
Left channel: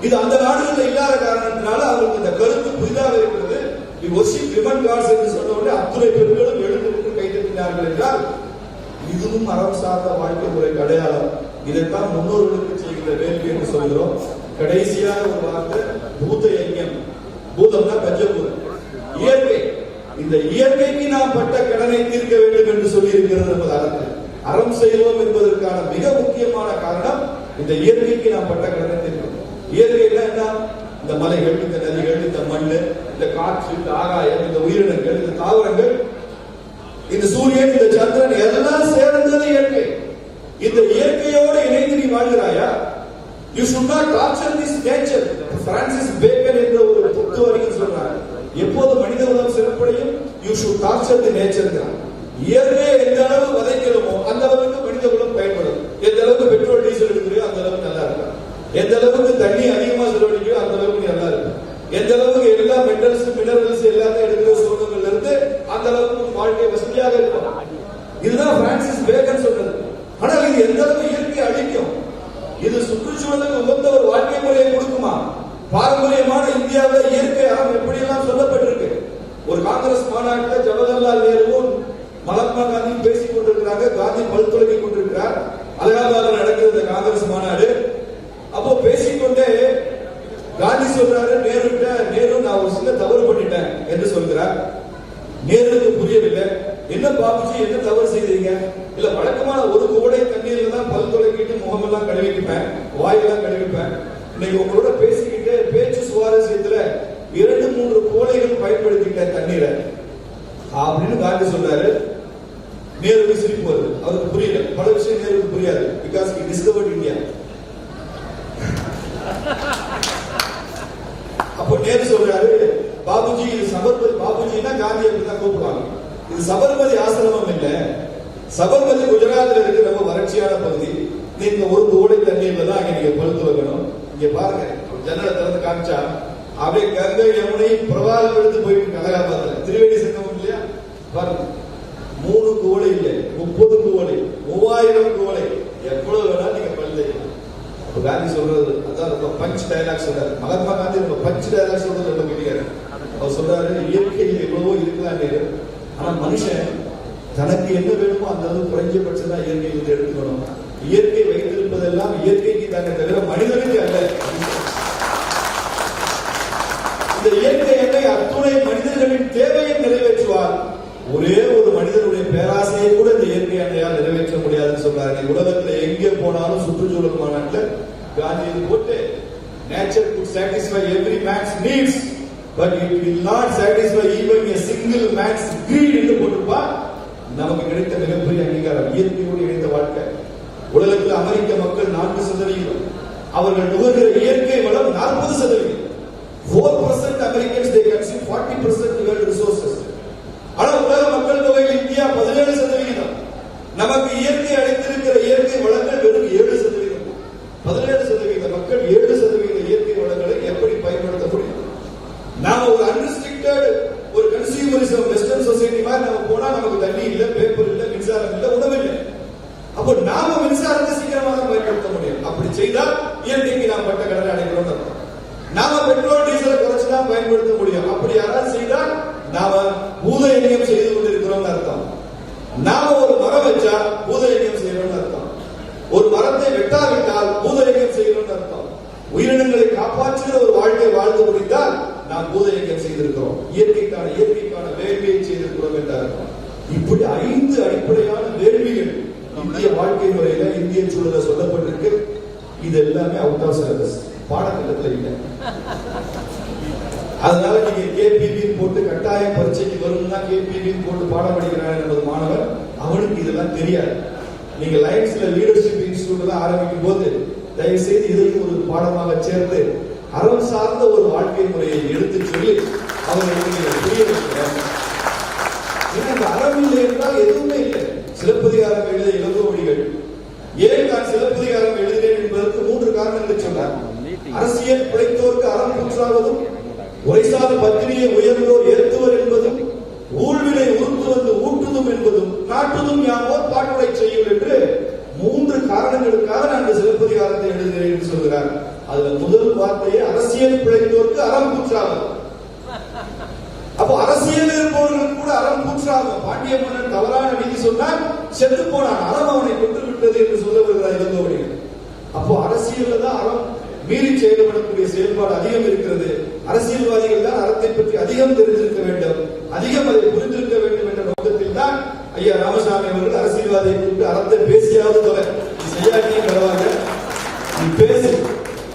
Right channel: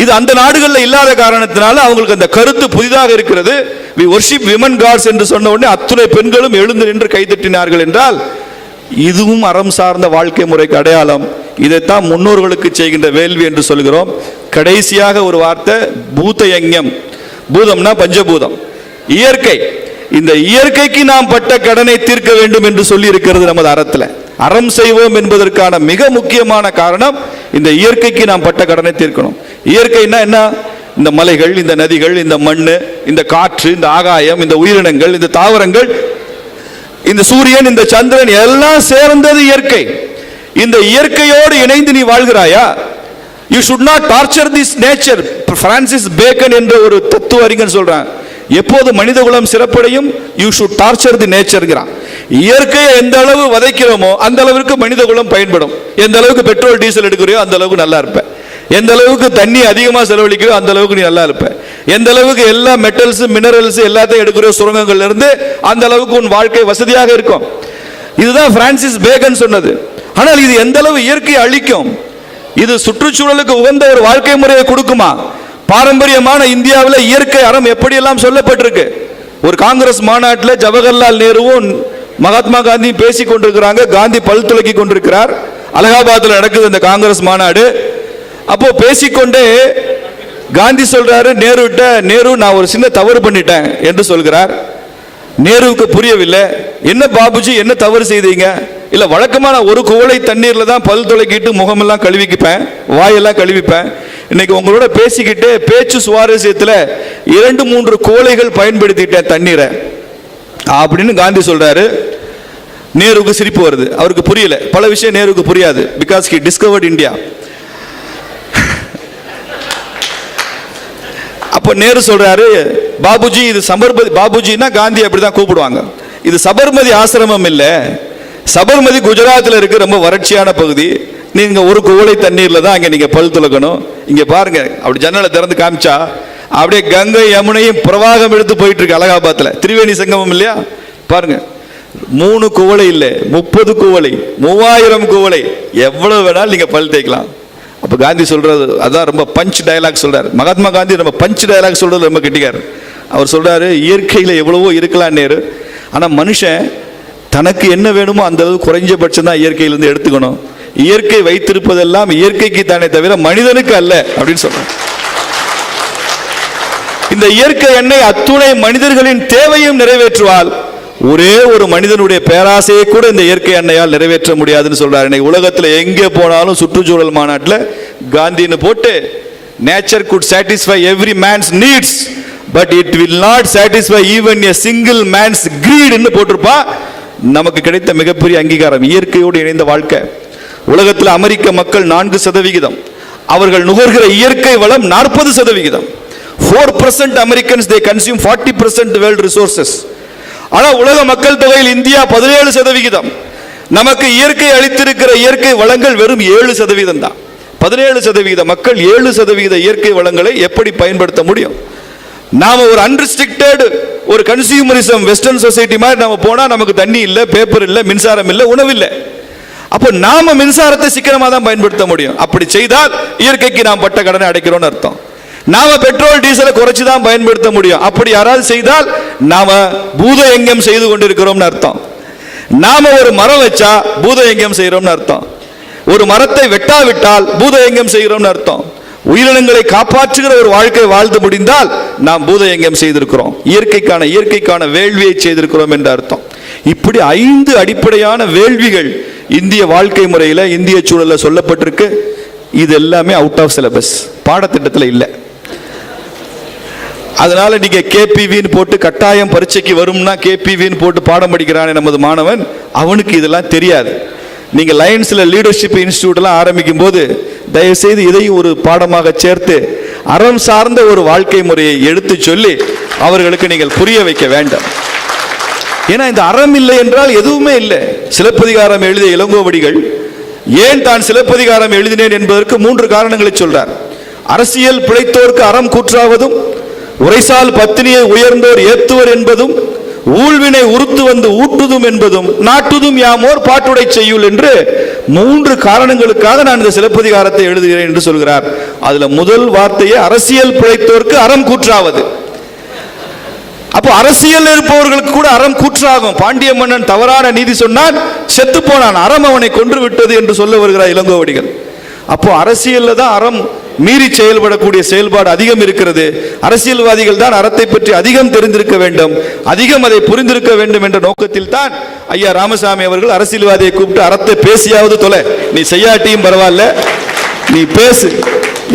இது அந்த நாடுகளில் இல்லாத காரணத்தினால அவங்களுக்கு அந்த கருத்து புதிதாக இருக்கிறது. we worship women gods என்று சொன்ன உடனே அத்துணை பெண்களும் எழுந்து நின்று கைதட்டினார்கள் என்றால் இதுவும் அறம் சார்ந்த வாழ்க்கை முறைக்கு அடையாளம். இதைத்தான் முன்னோர்களுக்கு செய்கின்ற வேள்வி என்று சொல்கிறோம். கடைசியாக ஒரு வார்த்தை, பூத யஞ்ஞம். பூதம்னா பஞ்சபூதம், இயற்கை. இந்த இயற்கைக்கு நாம் பட்ட கடனை தீர்க்க வேண்டும் என்று சொல்லி இருக்கிறது நமது அறத்துல. அறம் செய்வோம் என்பதற்கான மிக முக்கியமான காரணம் இந்த இயற்கைக்கு நாம் பட்ட கடனை தீர்க்கணும். இயற்கைன்னா என்ன? இந்த மலைகள், இந்த நதிகள், இந்த மண்ணு, இந்த காற்று, இந்த ஆகாயம், இந்த உயிரினங்கள், இந்த தாவரங்கள், இந்த சூரியன், இந்த சந்திரன் எல்லாம் சேர்ந்தது இயற்கை. இந்த இயற்கையோடு இணைந்து நீ வாழ்கிறாயா? You should not torture this nature. Francis Bacon என்ற ஒரு தத்துவ அறிஞர் சொல்றான், எப்போது மனித குலம் சிறப்படையும் யூ ஷுட் டார்ச்சர் தி நேச்சர்ங்கிறான். இயற்கையை எந்த அளவு வதைக்கிறோமோ அந்த அளவுக்கு மனித குலம் பயன்படும். எந்த அளவுக்கு பெட்ரோல் டீசல் எடுக்கிறியோ அந்த அளவுக்கு நல்லா இருப்ப. எந்த அளவுக்கு தண்ணி அதிகமாக செலவழிக்கிறோ அந்த அளவுக்கு நீ நல்லா இருப்ப. எந்த அளவுக்கு எல்லா மெட்டல்ஸ் மினரல்ஸ் எல்லாத்தையும் எடுக்கிற சுரங்கங்கள்ல இருந்து அந்த அளவுக்கு உன் வாழ்க்கை வசதியாக இருக்கும். இதுதான் பிரான்சிஸ் பேகன் சொன்னது. ஆனால் இது எந்த அளவு இயற்கையை அழிக்கும்? இது சுற்றுச்சூழலுக்கு உகந்த ஒரு வாழ்க்கை முறையை கொடுக்குமா? பாரம்பரியமான இந்தியாவில் இயற்கை அறம் எப்படியெல்லாம் சொல்லப்பட்டிருக்கு. ஒரு காங்கிரஸ் மாநாட்டில் ஜவஹர்லால் நேருவும் மகாத்மா காந்தி பேசி கொண்டிருக்கிறாங்க. காந்தி பல் துலக்கி கொண்டிருக்கிறார். அலகாபாத்தில் நடக்குது அந்த காங்கிரஸ் மாநாடு. அப்போ பேசிக்கொண்டே காந்தி சொல்றாரு நேரு, நான் ஒரு சின்ன தவறு பண்ணிட்டேன் என்று சொல்கிறார். நேருவுக்கு புரியவில்லை. என்ன பாபுஜி, என்ன தவறு செய்தீங்க? இல்ல, வழக்கமான ஒரு குவளை தண்ணீர்ல தான் பல் துளைக்கிட்டு முகமெல்லாம் கழுவிக்குப்பேன், வாயெல்லாம் கழுவிப்பேன். இன்னைக்கு உங்களோட பேசிக்கிட்டு பேச்சு சுவாரஸ்யத்துல 2-3 குவளைகள் பயன்படுத்திட்டேன் தண்ணீரை அப்படின்னு காந்தி சொல்றாரு. நேருவுக்கு சிரிப்பு வருது. அவருக்கு புரியல. பல விஷயம் நேருவுக்கு புரியாது. Because he discovered India. அப்போ நேரு சொல்றாரு, பாபுஜி இது சபர்மதி, பாபுஜின்னா காந்தி அப்படிதான் கூப்பிடுவாங்க, இது சபர்மதி ஆசிரமம் இல்ல. சபர்மதி குஜராத்தில் இருக்கு, ரொம்ப வறட்சியான பகுதி. நீங்க ஒரு குவளை தண்ணீர்ல தான் அங்க நீங்க பல் துலக்கணும். இங்க பாருங்க, அப்படி ஜன்னலை திறந்து காமிச்சா அப்படியே கங்கை யமுனையும் பிரவாகம் எடுத்து போயிட்டு இருக்கு. அலகாபாத்ல திரிவேணி சங்கமம் இல்லையா? பாருங்க, 3 குவளை இல்ல, 30 குவளை, 3000 குவளை, எவ்வளவு வேணாலும் நீங்க பல் தேய்க்கலாம். அப்ப காந்தி சொல்றது அதான் ரொம்ப பஞ்ச் டயலாக் சொல்றாரு. மகாத்மா காந்தி ரொம்ப பஞ்ச் டயலாக் சொல்றது ரொம்ப கெட்டிக்காரு. அவர் சொல்றாரு, இயற்கையில எவ்வளவோ இருக்கலாம் நேரு, ஆனா மனுஷன் தனக்கு என்ன வேணுமோ அந்த அளவு குறைஞ்சபட்சம் தான் இயற்கையிலிருந்து எடுத்துக்கணும். இயற்கை வைத்திருப்பதெல்லாம் இயற்கைக்கு தானே தவிர மனிதனுக்கு அல்ல அப்படின்னு சொல்றாரு. இந்த இயற்கை எண்ணெய் அத்துணை மனிதர்களின் தேவையும் நிறைவேற்றுவால் ஒரே ஒரு மனிதனுடைய பேராசையை கூட இந்த இயற்கை எண்ணெயால் நிறைவேற்ற முடியாதுன்னு சொல்றாரு. இன்னைக்கு உலகத்தில் எங்கே போனாலும் சுற்றுச்சூழல் மாநாட்டில் காந்தின்னு போட்டு nature could satisfy every man's needs but it will not satisfy even a single man's greed ன்னு போட்டிருப்பா. நமக்கு கிடைத்த மிகப்பெரிய அங்கீகாரம் இயற்கையோடு இணைந்த வாழ்க்கை. உலகத்தில் அமெரிக்க மக்கள் 4%, அவர்கள் நுகர்கிற இயற்கை வளம் 40%. 4% Americans they consume 40% world resources. ஆனா உலக மக்கள் தொகையில் இந்தியா 17%. நமக்கு இயற்கை அளித்திருக்கிற இயற்கை வளங்கள் வெறும் 7% தான். 17% மக்கள் 7% இயற்கை வளங்களை எப்படி பயன்படுத்த முடியும்? நாம ஒரு அன்ரிஸ்ட்ரிக்டட் ஒரு கன்சியூமரிசம் வெஸ்டர்ன் சொசைட்டி மாதிரி நாம போனா நமக்கு தண்ணி இல்ல, பேப்பர் இல்ல, மின்சாரம் இல்ல, உணவு இல்ல. அப்ப நாம மின்சாரத்தை சிக்கனமா தான் பயன்படுத்த முடியும். அப்படி செய்தால் இயற்கைக்கு நாம் பட்ட கடனை அடைக்கிறோம்னு அர்த்தம். நாம பெட்ரோல் டீசலை குறைச்சு தான் பயன்படுத்த முடியும். அப்படி யாராவது செய்தால் நாம பூதயங்கம் செய்து கொண்டிருக்கிறோம்னு அர்த்தம். நாம ஒரு மரம் வச்சா பூதயங்கம் செய்யறோம்னு அர்த்தம். ஒரு மரத்தை வெட்டாவிட்டால் பூதயங்கம் செய்கிறோம்னு அர்த்தம். உயிரினங்களை காப்பாற்றுகிற ஒரு வாழ்க்கை வாழ்ந்து முடிந்தால் நாம் பூதயங்கம் செய்திருக்கிறோம், இயற்கைக்கான வேள்வியை செய்திருக்கிறோம் என்ற அர்த்தம். இப்படி 5 அடிப்படையான வேள்விகள் இந்திய வாழ்க்கை முறையில இந்திய சூழல்ல சொல்லப்பட்டிருக்கு. இது எல்லாமே அவுட் ஆஃப் சிலபஸ், பாடத்திட்டத்தில் இல்லை. அதனால நீங்க கேபிவின்னு போட்டு கட்டாயம் பரீட்சைக்கு வரும்னா கேபிவின்னு போட்டு பாடம் படிக்கிறானே நமது மாணவன், அவனுக்கு இதெல்லாம் தெரியாது. நீங்க லயன்ஸ்ல லீடர்ஷிப் இன்ஸ்டிடியூட் எல்லாம் ஆரம்பிக்கும் போது தயவு செய்து இதையும் ஒரு பாடமாக சேர்த்து அறம் சார்ந்த ஒரு வாழ்க்கை முறையை எடுத்து சொல்லி அவர்களுக்கு நீங்கள் புரிய வைக்க வேண்டாம். ஏன்னா இந்த அறம் இல்லை என்றால் எதுவுமே இல்லை. சிலப்பதிகாரம் எழுதிய இளங்கோவடிகள் ஏன் தான் சிலப்பதிகாரம் எழுதினேன் என்பதற்கு 3 காரணங்களை சொல்றார். அரசியல் பிழைத்தோர்க்கு அறம் கூற்றாவதும், உரைசால் பத்தினியை உயர்ந்தோர் ஏத்துவர் என்பதும், ஊழ்வினை உறுத்து வந்து ஊட்டுதும் என்பதும், நாட்டுதும் யாமோர் பாட்டுடை செய்யுள் என்று 3 காரணங்களுக்காக நான் இந்த சிலப்பதிகாரத்தை எழுதுகிறேன் என்று சொல்கிறார். அதுல முதல் வார்த்தையே அரசியல் பிழைத்தோர்க்கு அறம் கூற்றாவது. அப்போ அரசியல் இருப்பவர்களுக்கு கூட அறம் கூற்றாகும். பாண்டிய மன்னன் தவறான நீதி சொன்னான், செத்து போனான், அறம் அவனை கொன்று விட்டது என்று சொல்ல வருகிறார் இளங்கோவடிகள். அப்போ அரசியல்ல தான் அறம் மீறி செயல்படக்கூடிய செயல்பாடு அதிகம் இருக்கிறது. அரசியல்வாதிகள் தான் அறத்தை பற்றி அதிகம் தெரிந்திருக்க வேண்டும், அதிகம் அதை புரிந்திருக்க வேண்டும் என்ற நோக்கத்தில் தான் ஐயா ராமசாமி அவர்கள் அரசியல்வாதியை கூப்பிட்டு அறத்தை பேசியாவது தொலை, நீ செய்யாட்டியும் பரவாயில்ல நீ பேசு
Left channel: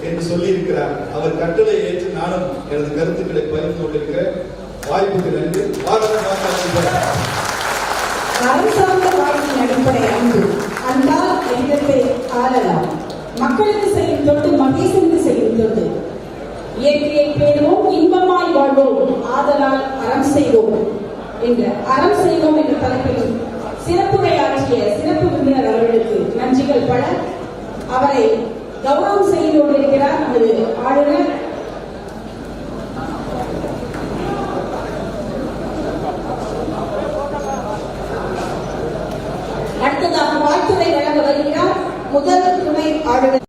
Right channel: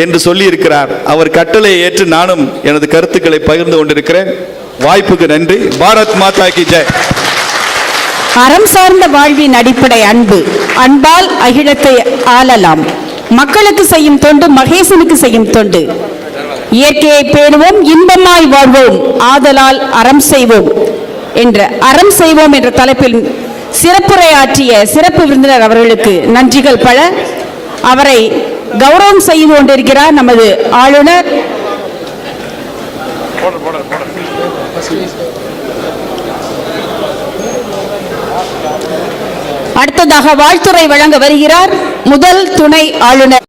என்று சொல்லி இருக்கிறார். அவர் கட்டளையை ஏற்று நானும் எனது கருத்துக்களை பகிர்ந்து கொண்டிருக்கிறேன். வாய்ப்புக்கு நன்றி. பாரத் மாதா கி ஜெய். அறம் சார்ந்த வாழ்வின் அடிப்படை அன்பு. அன்பால் அகிலத்தை ஆளலாம். மக்களுக்கு செய்யும் தொண்டு மகேசனுக்கு செய்யும் தொண்டு. இயற்கையை பேணுவோம், இன்பமாய் வாழ்வோம், ஆதலால் அறம் செய்வோம் என்ற தலைப்பில் சிறப்புரையாற்றிய சிறப்பு விருந்தினர் அவர்களுக்கு நன்றிகள் பல. அவரை கௌரவம் செய்து கொண்டிருக்கிறார் நமது ஆளுநர். அடுத்ததாக வாழ்த்துரை வழங்க வருகிறார் முதல் துணை ஆளுநர்.